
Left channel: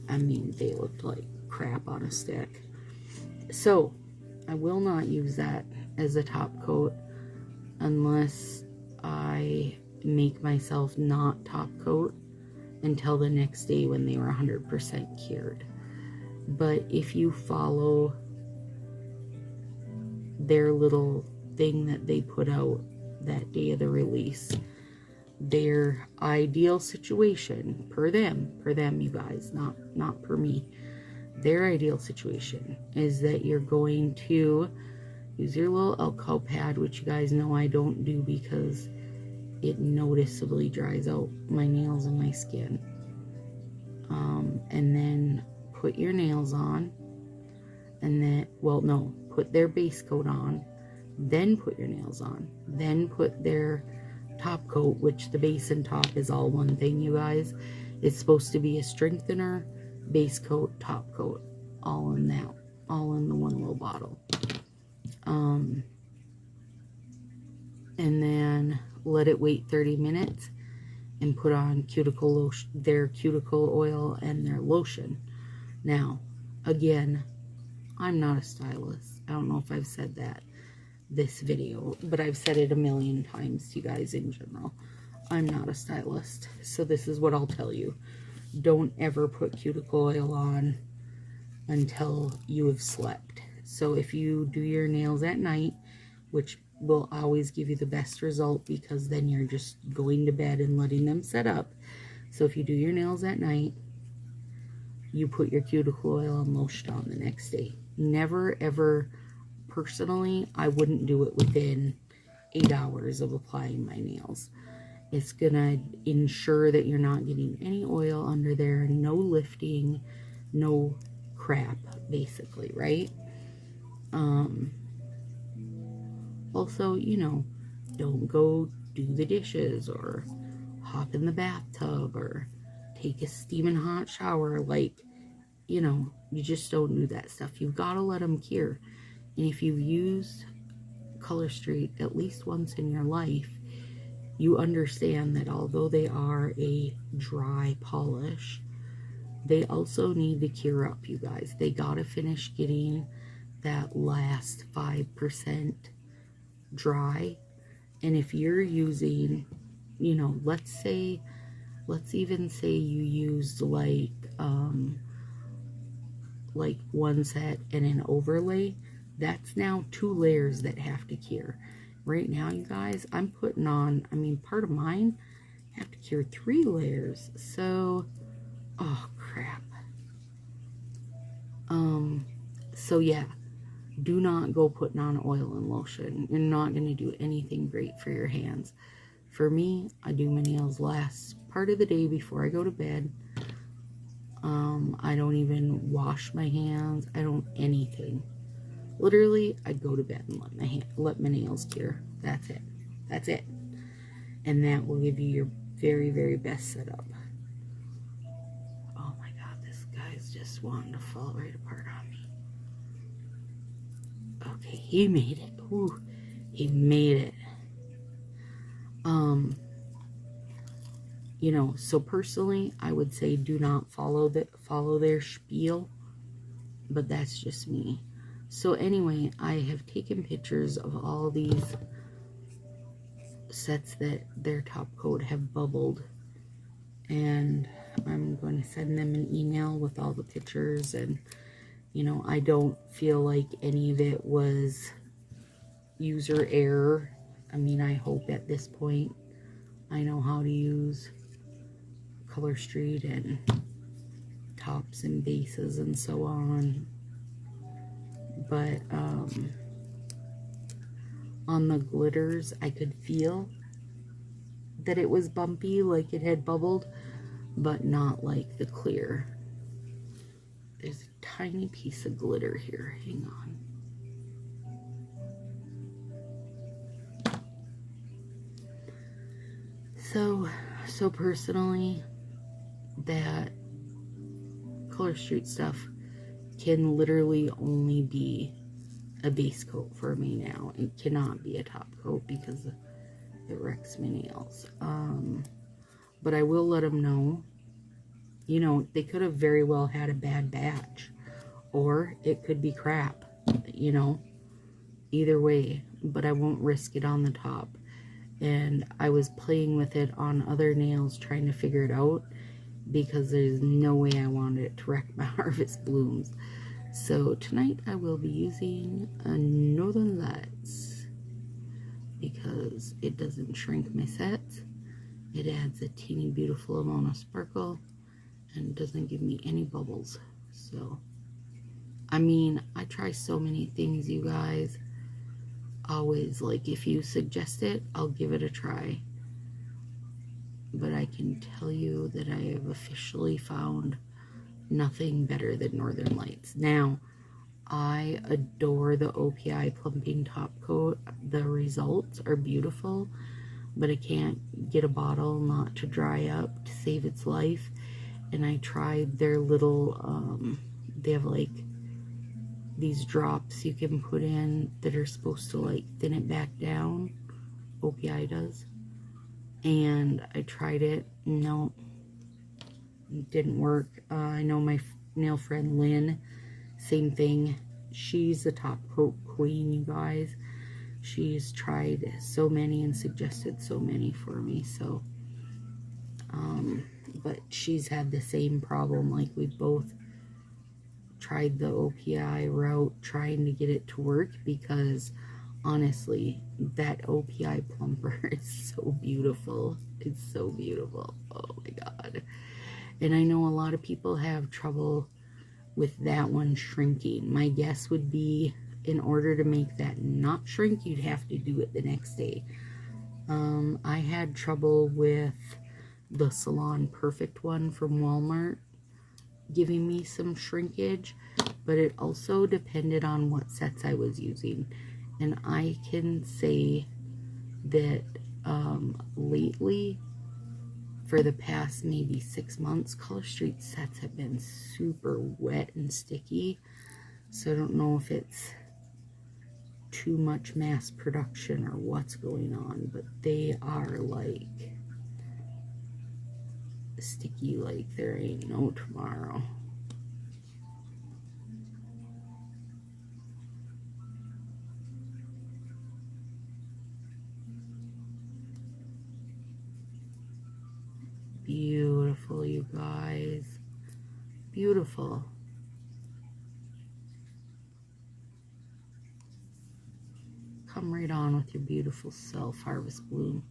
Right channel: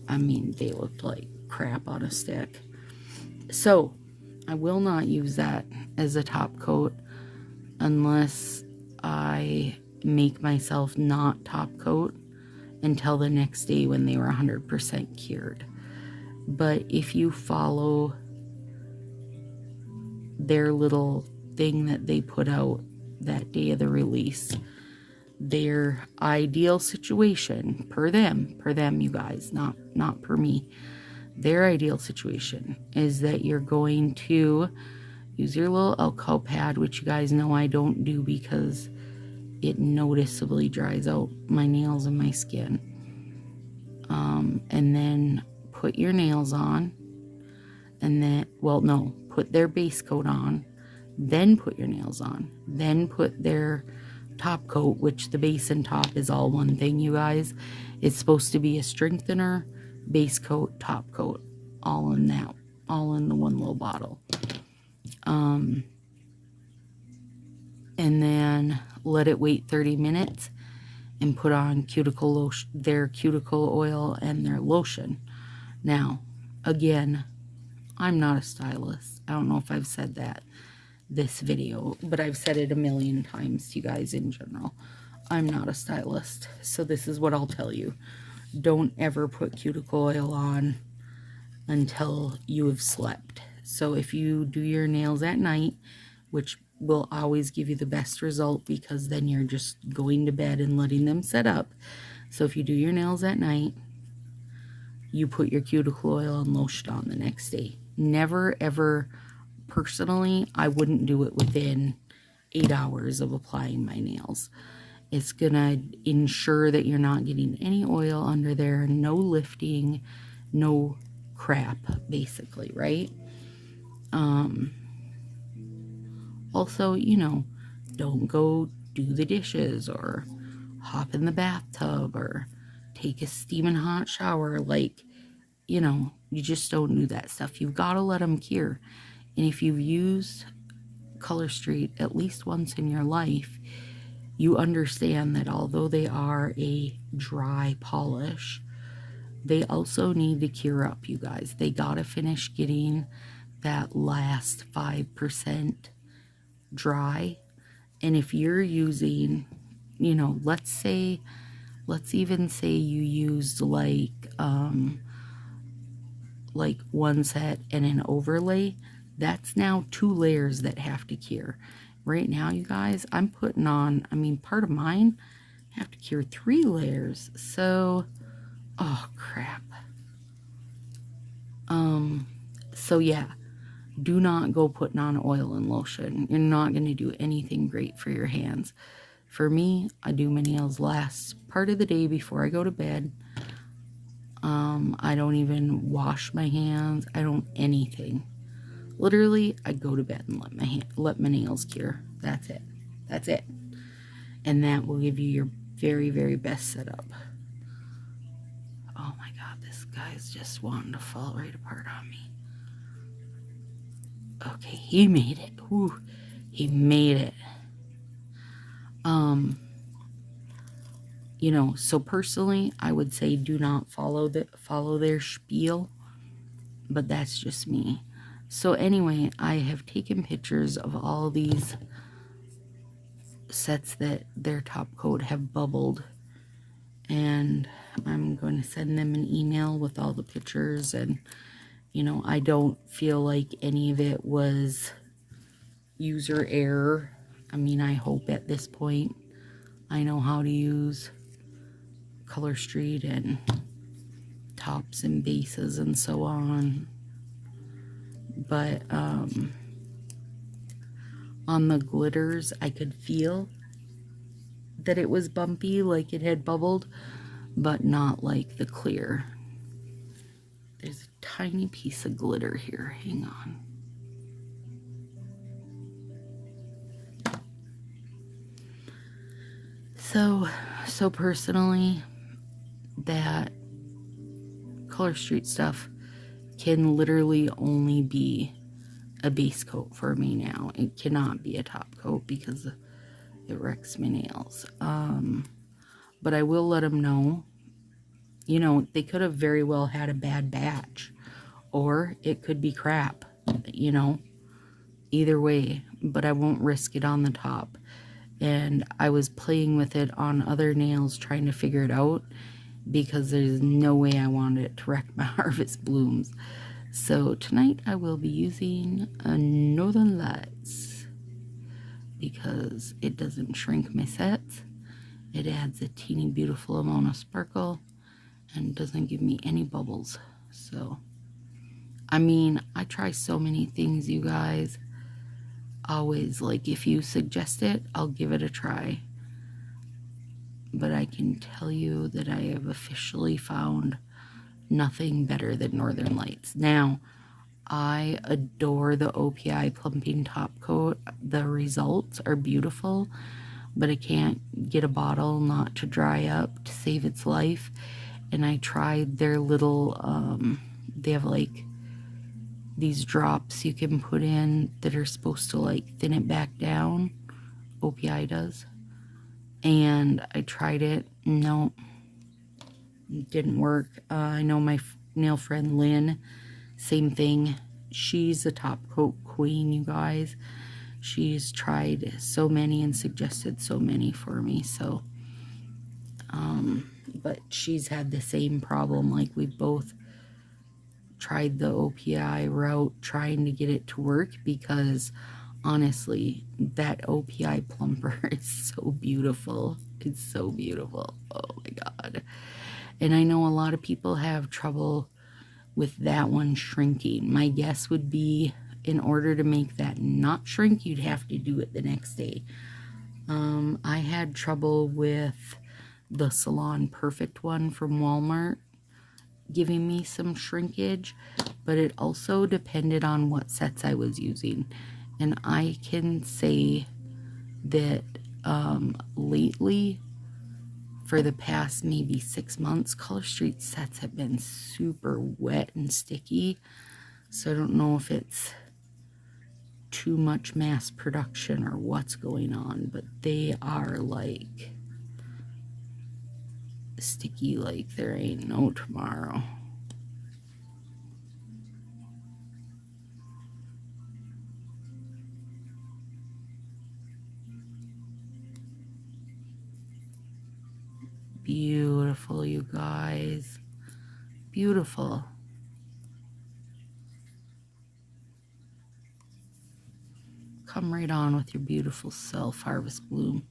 I mean, they looked like crap on a stick. So I will not use that as a top coat unless I make myself not top coat until the next day when they were 100% cured. But if you follow their little thing that they put out that day of the release, their ideal situation, per them you guys, not per me, their ideal situation is that you're going to use your little alcohol pad, which you guys know I don't do because it noticeably dries out my nails and my skin. And then put your nails on, and then, well, no, put their base coat on, then put your nails on, then put their top coat, which the base and top is all one thing, you guys. It's supposed to be a strengthener, base coat, top coat, all in the one little bottle. And then let it wait 30 minutes and put on cuticle lotion, their cuticle oil and their lotion. Now, again, I'm not a stylist. I don't know if I've said that this video, but I've said it a million times to you guys in general. I'm not a stylist, so this is what I'll tell you. Don't ever put cuticle oil on until you have slept. So if you do your nails at night, which will always give you the best result because then you're just going to bed and letting them set up. So if you do your nails at night, you put your cuticle oil and lotion on the next day. Never ever, personally, I wouldn't do it within 8 hours of applying my nails. It's gonna ensure that you're not getting any oil under there, no lifting, no crap, basically, right? Also, you know, don't go do the dishes or hop in the bathtub or take a steaming hot shower. Like, you know, you just don't do that stuff. You've got to let them cure. And if you've used Color Street at least once in your life, you understand that although they are a dry polish, they also need to cure up, you guys. They got to finish getting that last 5% dry. And if you're using, you know, let's even say you used like one set and an overlay, that's now 2 layers that have to cure. Right now, you guys, I'm putting on, I mean, part of mine have to cure 3 layers. So, oh crap. So yeah, do not go putting on oil and lotion. You're not going to do anything great for your hands. For me, I do my nails last part of the day before I go to bed. I don't even wash my hands. I don't anything. Literally, I go to bed and let my nails cure. That's it. That's it. And that will give you your very, very best setup. Oh my God, this guy's just wanting to fall right apart on me. Okay, he made it. Whew, he made it. You know, so personally, I would say do not follow their spiel, but that's just me. So anyway, I have taken pictures of all these sets that their top coat have bubbled, and I'm going to send them an email with all the pictures. And you know, I don't feel like any of it was user error. I mean, I hope at this point I know how to use Color Street and tops and bases and so on. But on the glitters, I could feel that it was bumpy, like it had bubbled, but not like the clear. There's a tiny piece of glitter here. Hang on. So personally, that Color Street stuff can literally only be a base coat for me now. It cannot be a top coat because it wrecks my nails. But I will let them know, you know, they could have very well had a bad batch, or it could be crap, you know, either way, but I won't risk it on the top. And I was playing with it on other nails trying to figure it out, because there's no way I wanted it to wreck my Harvest Blooms. So tonight I will be using a Northern Lights because it doesn't shrink my sets. It adds a teeny beautiful amount of sparkle and doesn't give me any bubbles. So, I mean, I try so many things, you guys. Always, like, if you suggest it, I'll give it a try. But I can tell you that I have officially found nothing better than Northern Lights. Now, I adore the OPI plumping top coat. The results are beautiful, but I can't get a bottle not to dry up to save its life. And I tried their little, they have like these drops you can put in that are supposed to like thin it back down. OPI does. And I tried it. No, it didn't work. I know my nail friend Lynn, same thing. She's a top coat queen, you guys. She's tried so many and suggested so many for me. So, but she's had the same problem. Like, we both tried the OPI route trying to get it to work, because honestly, that OPI plumper is so beautiful. It's so beautiful. Oh my god. And I know a lot of people have trouble with that one shrinking. My guess would be, in order to make that not shrink, you'd have to do it the next day. I had trouble with the Salon Perfect one from Walmart giving me some shrinkage, but it also depended on what sets I was using. And I can say that lately, for the past maybe 6 months, Color Street sets have been super wet and sticky. So I don't know if it's too much mass production or what's going on, but they are like sticky like there ain't no tomorrow. Beautiful, you guys. Beautiful. Come right on with your beautiful self, Harvest Bloom.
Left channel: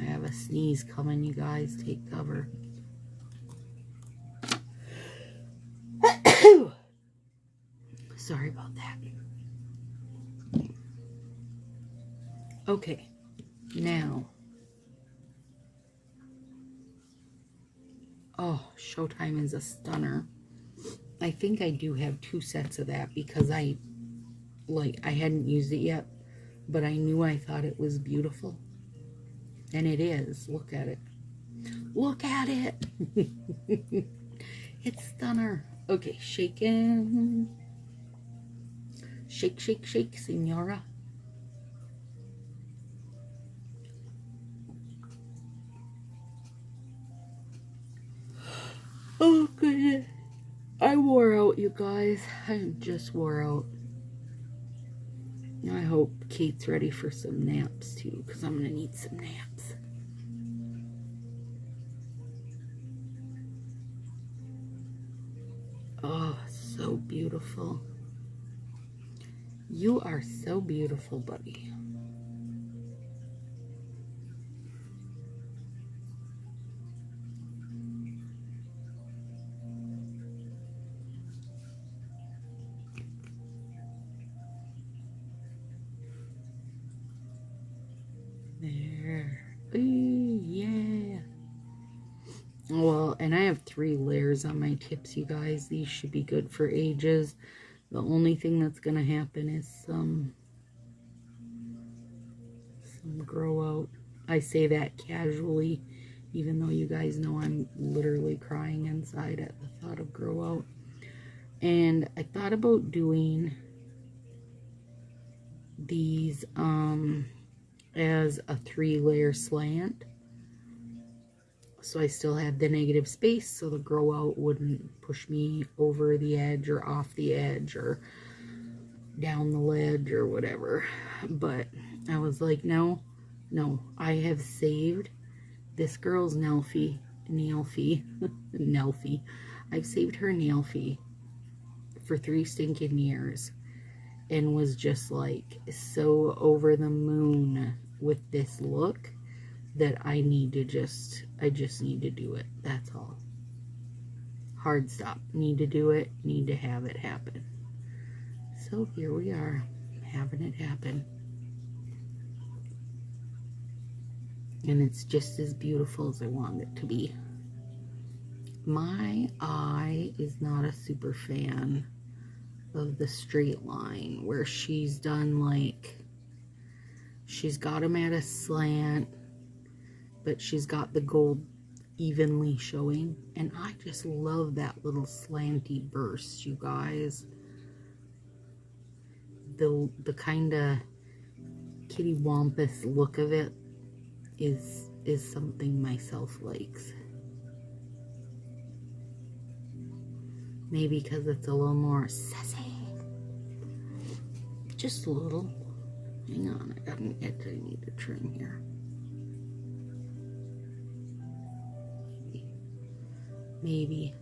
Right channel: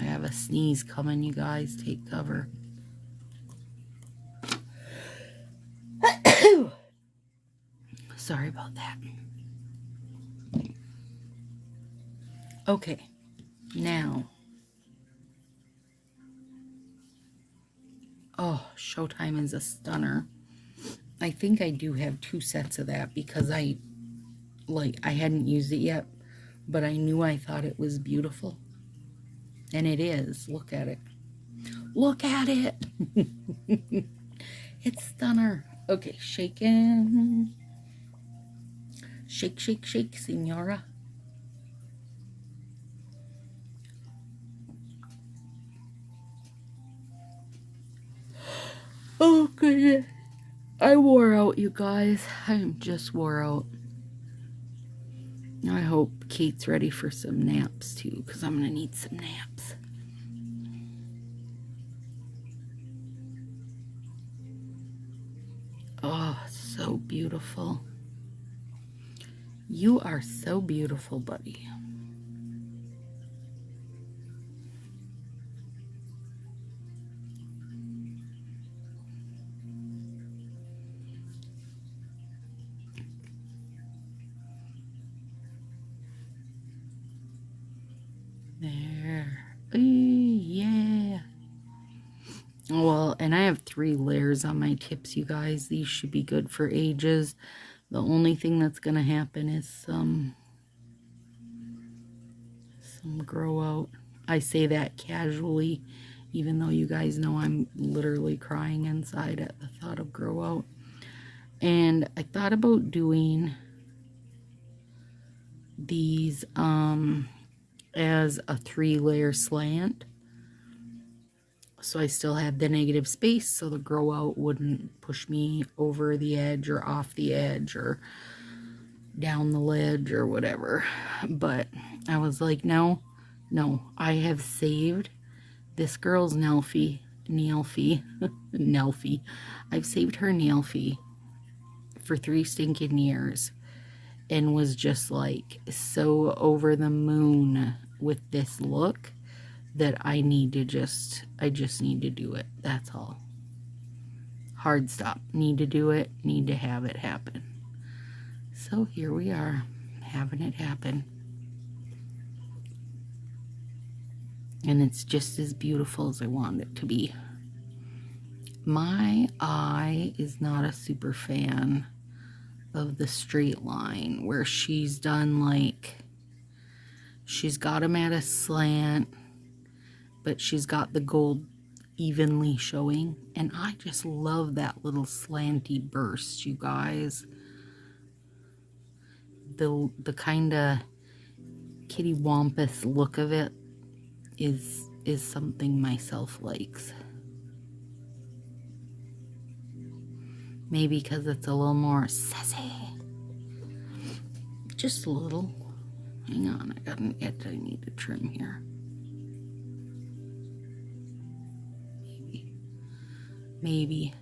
I have a sneeze coming, you guys. Take cover. Sorry about that. Okay, now. Oh, Showtime is a stunner. I think I do have 2 sets of that because I hadn't used it yet, but I knew I thought it was beautiful. And it is. Look at it. Look at it. It's stunner. Okay, shaking. Shake, shake, shake, senora. Oh, goodness. I wore out, you guys. I am just wore out. I hope Kate's ready for some naps, too, because I'm going to need some naps. Oh, so beautiful. You are so beautiful, buddy. There. Ooh, yeah. Well, and I have 3 layers on my tips, you guys. These should be good for ages. The only thing that's going to happen is some grow out. I say that casually, even though you guys know I'm literally crying inside at the thought of grow out. And I thought about doing these as a 3-layer slant. So I still had the negative space so the grow out wouldn't push me over the edge or off the edge or down the ledge or whatever. But I was like, no, I have saved this girl's nail fee. I've saved her nail fee for 3 stinking years and was just like so over the moon with this look that I just need to do it. That's all. Hard stop. Need to do it. Need to have it happen. So here we are, having it happen. And it's just as beautiful as I want it to be. My eye is not a super fan of the straight line where she's done like, she's got them at a slant, but she's got the gold evenly showing. And I just love that little slanty burst, you guys. The kind of kitty wampus look of it is something myself likes. Maybe because it's a little more sassy. Just a little. Hang on, I got an edge I need to trim here. Maybe.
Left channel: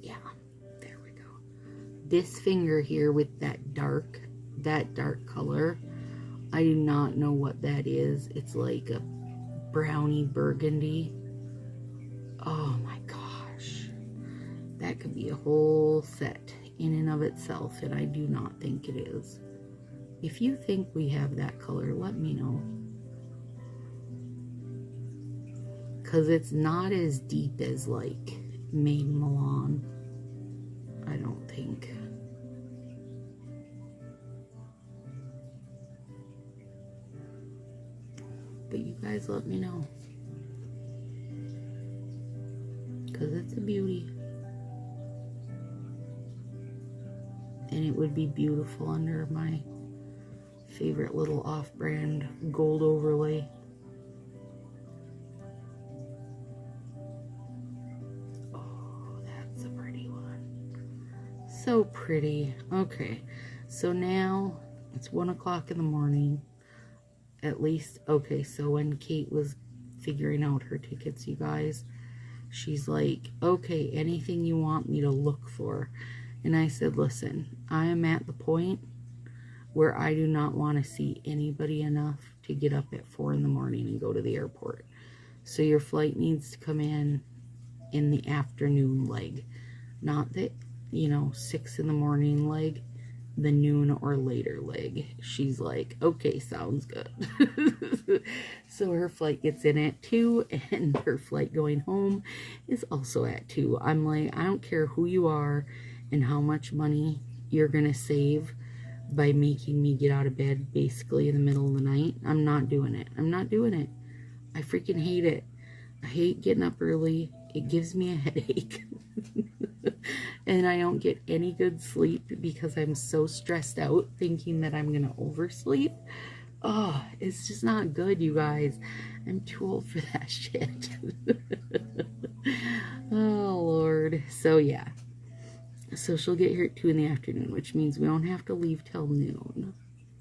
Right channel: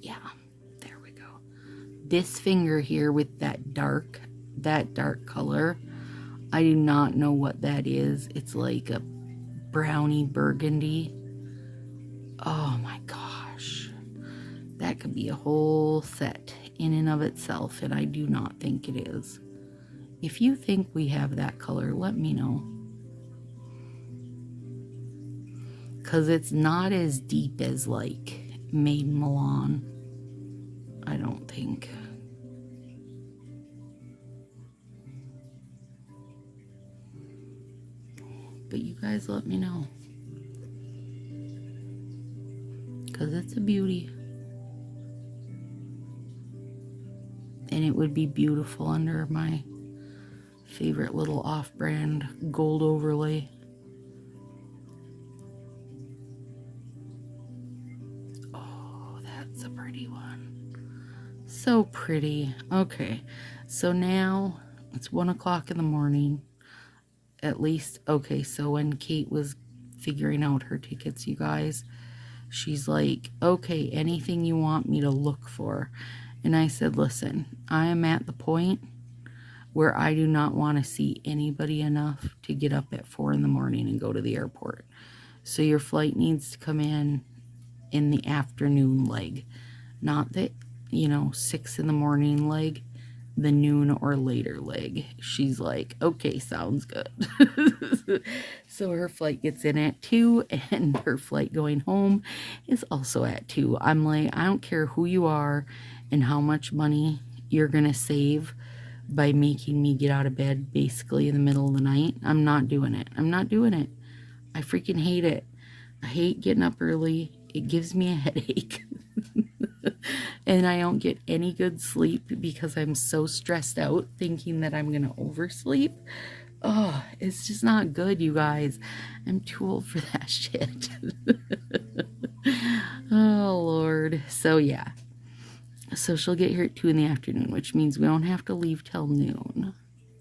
Yeah, there we go. This finger here with that dark color, I do not know what that is. It's like a brownie burgundy. Oh my gosh. That could be a whole set in and of itself, and I do not think it is. If you think we have that color, let me know. Because it's not as deep as like Maiden Milan, I don't think. But you guys let me know. Because it's a beauty. And it would be beautiful under my favorite little off-brand gold overlay. Oh, that's a pretty one. So pretty. Okay, so now it's 1 o'clock in the morning. At least, okay, so when Kate was figuring out her tickets, you guys, she's like, okay, anything you want me to look for. And I said, listen, I am at the point where I do not want to see anybody enough to get up at 4 in the morning and go to the airport. So your flight needs to come in the afternoon leg. Not the, 6 in the morning leg, the noon or later leg. She's like, okay, sounds good. So her flight gets in at 2, and her flight going home is also at 2. I'm like, I don't care who you are and how much money you're gonna save by making me get out of bed basically in the middle of the night. I'm not doing it. I'm not doing it. I freaking hate it. I hate getting up early. It gives me a headache. And I don't get any good sleep because I'm so stressed out thinking that I'm going to oversleep. Oh, it's just not good, you guys. I'm too old for that shit. Oh, Lord. So, yeah. So she'll get here at 2 in the afternoon, which means we don't have to leave till noon.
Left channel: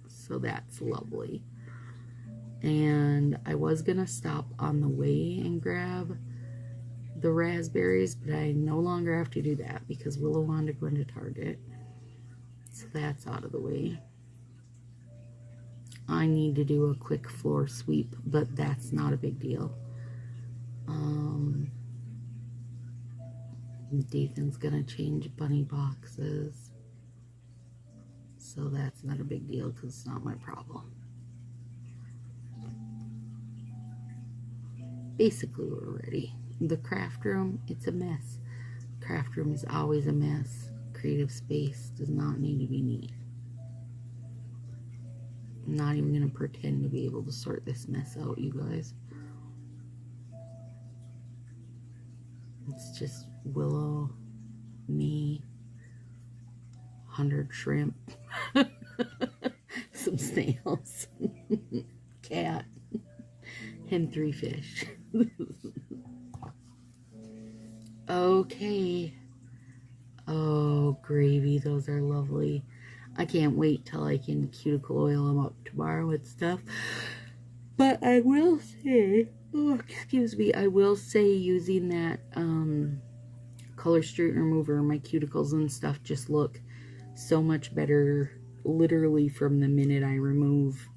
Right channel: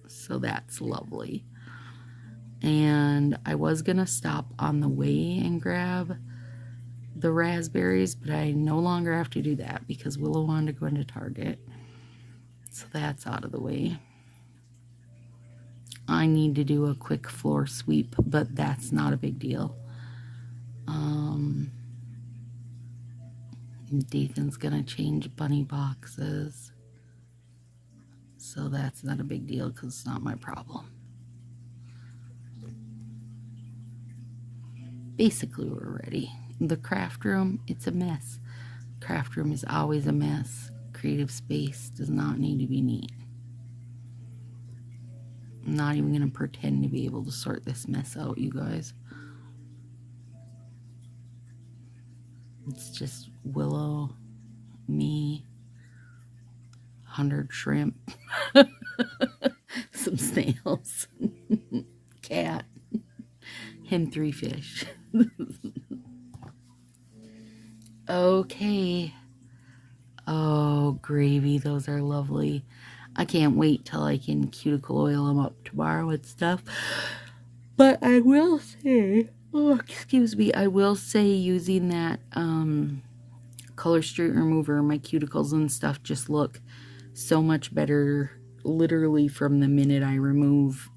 So that's lovely. And I was going to stop on the way and grab the raspberries, but I no longer have to do that because Willow wanted to go into Target. So that's out of the way. I need to do a quick floor sweep, but that's not a big deal. Dathan's gonna change bunny boxes, so that's not a big deal because it's not my problem. Basically, we're ready. The craft room, it's a mess. Craft room is always a mess. Creative space does not need to be neat. I'm not even going to pretend to be able to sort this mess out, you guys. It's just Willow, me, 100 shrimp, some snails, cat, and 3 fish. Okay. Oh, gravy. Those are lovely. I can't wait till I can cuticle oil them up tomorrow and stuff. But I will say, oh, excuse me, I will say using that color street remover, my cuticles and stuff just look so much better. Literally from the minute I remove,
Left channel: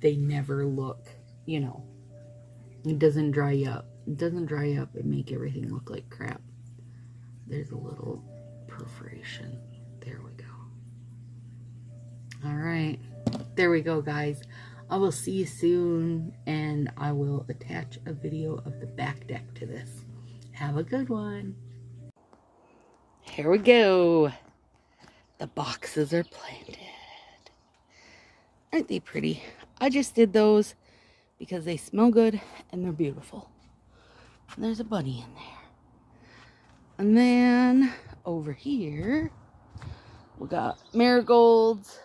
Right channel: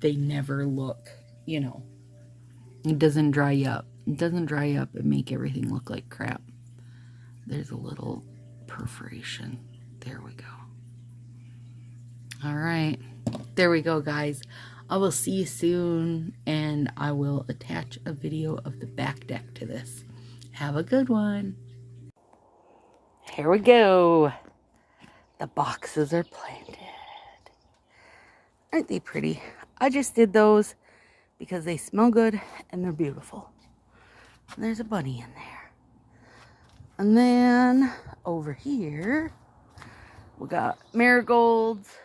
they never look, you know, it doesn't dry up. It doesn't dry up and make everything look like crap. There's a little perforation. There we go. All right. There we go, guys. I will see you soon, and I will attach a video of the back deck to this. Have a good one. Here we go. The boxes are planted. Aren't they pretty? I just did those because they smell good and they're beautiful. And there's a bunny in there. And then over here, we got marigolds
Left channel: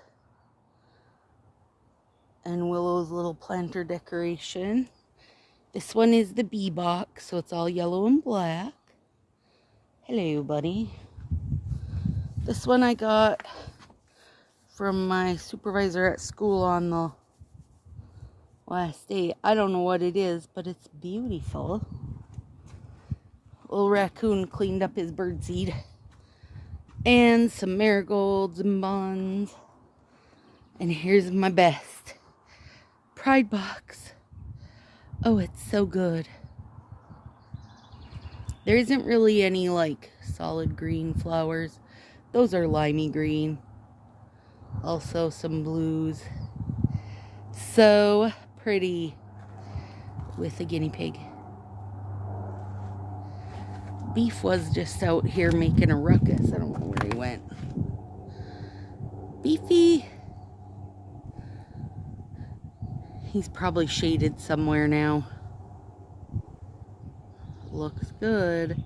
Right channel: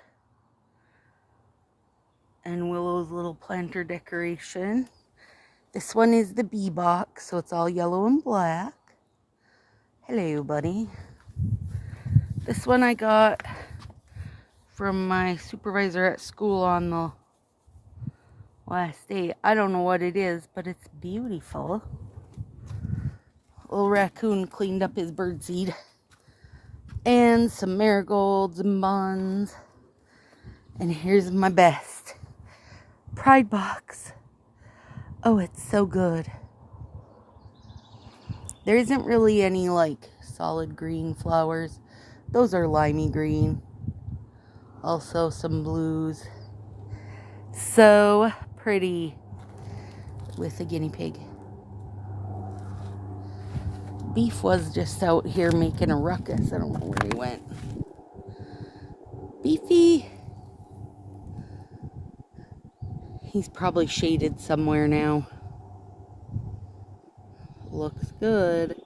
and Willow's little planter decoration. This one is the bee box, so it's all yellow and black. Hello, buddy. This one I got from my supervisor at school on the last day. I don't know what it is, but it's beautiful. Little raccoon cleaned up his birdseed. And some marigolds and buns. And here's my best pride box. Oh, it's so good. There isn't really any like solid green flowers. Those are limey green. Also some blues. So pretty with a guinea pig. Beef was just out here making a ruckus. I don't know where he went. Beefy. He's probably shaded somewhere now. Looks good.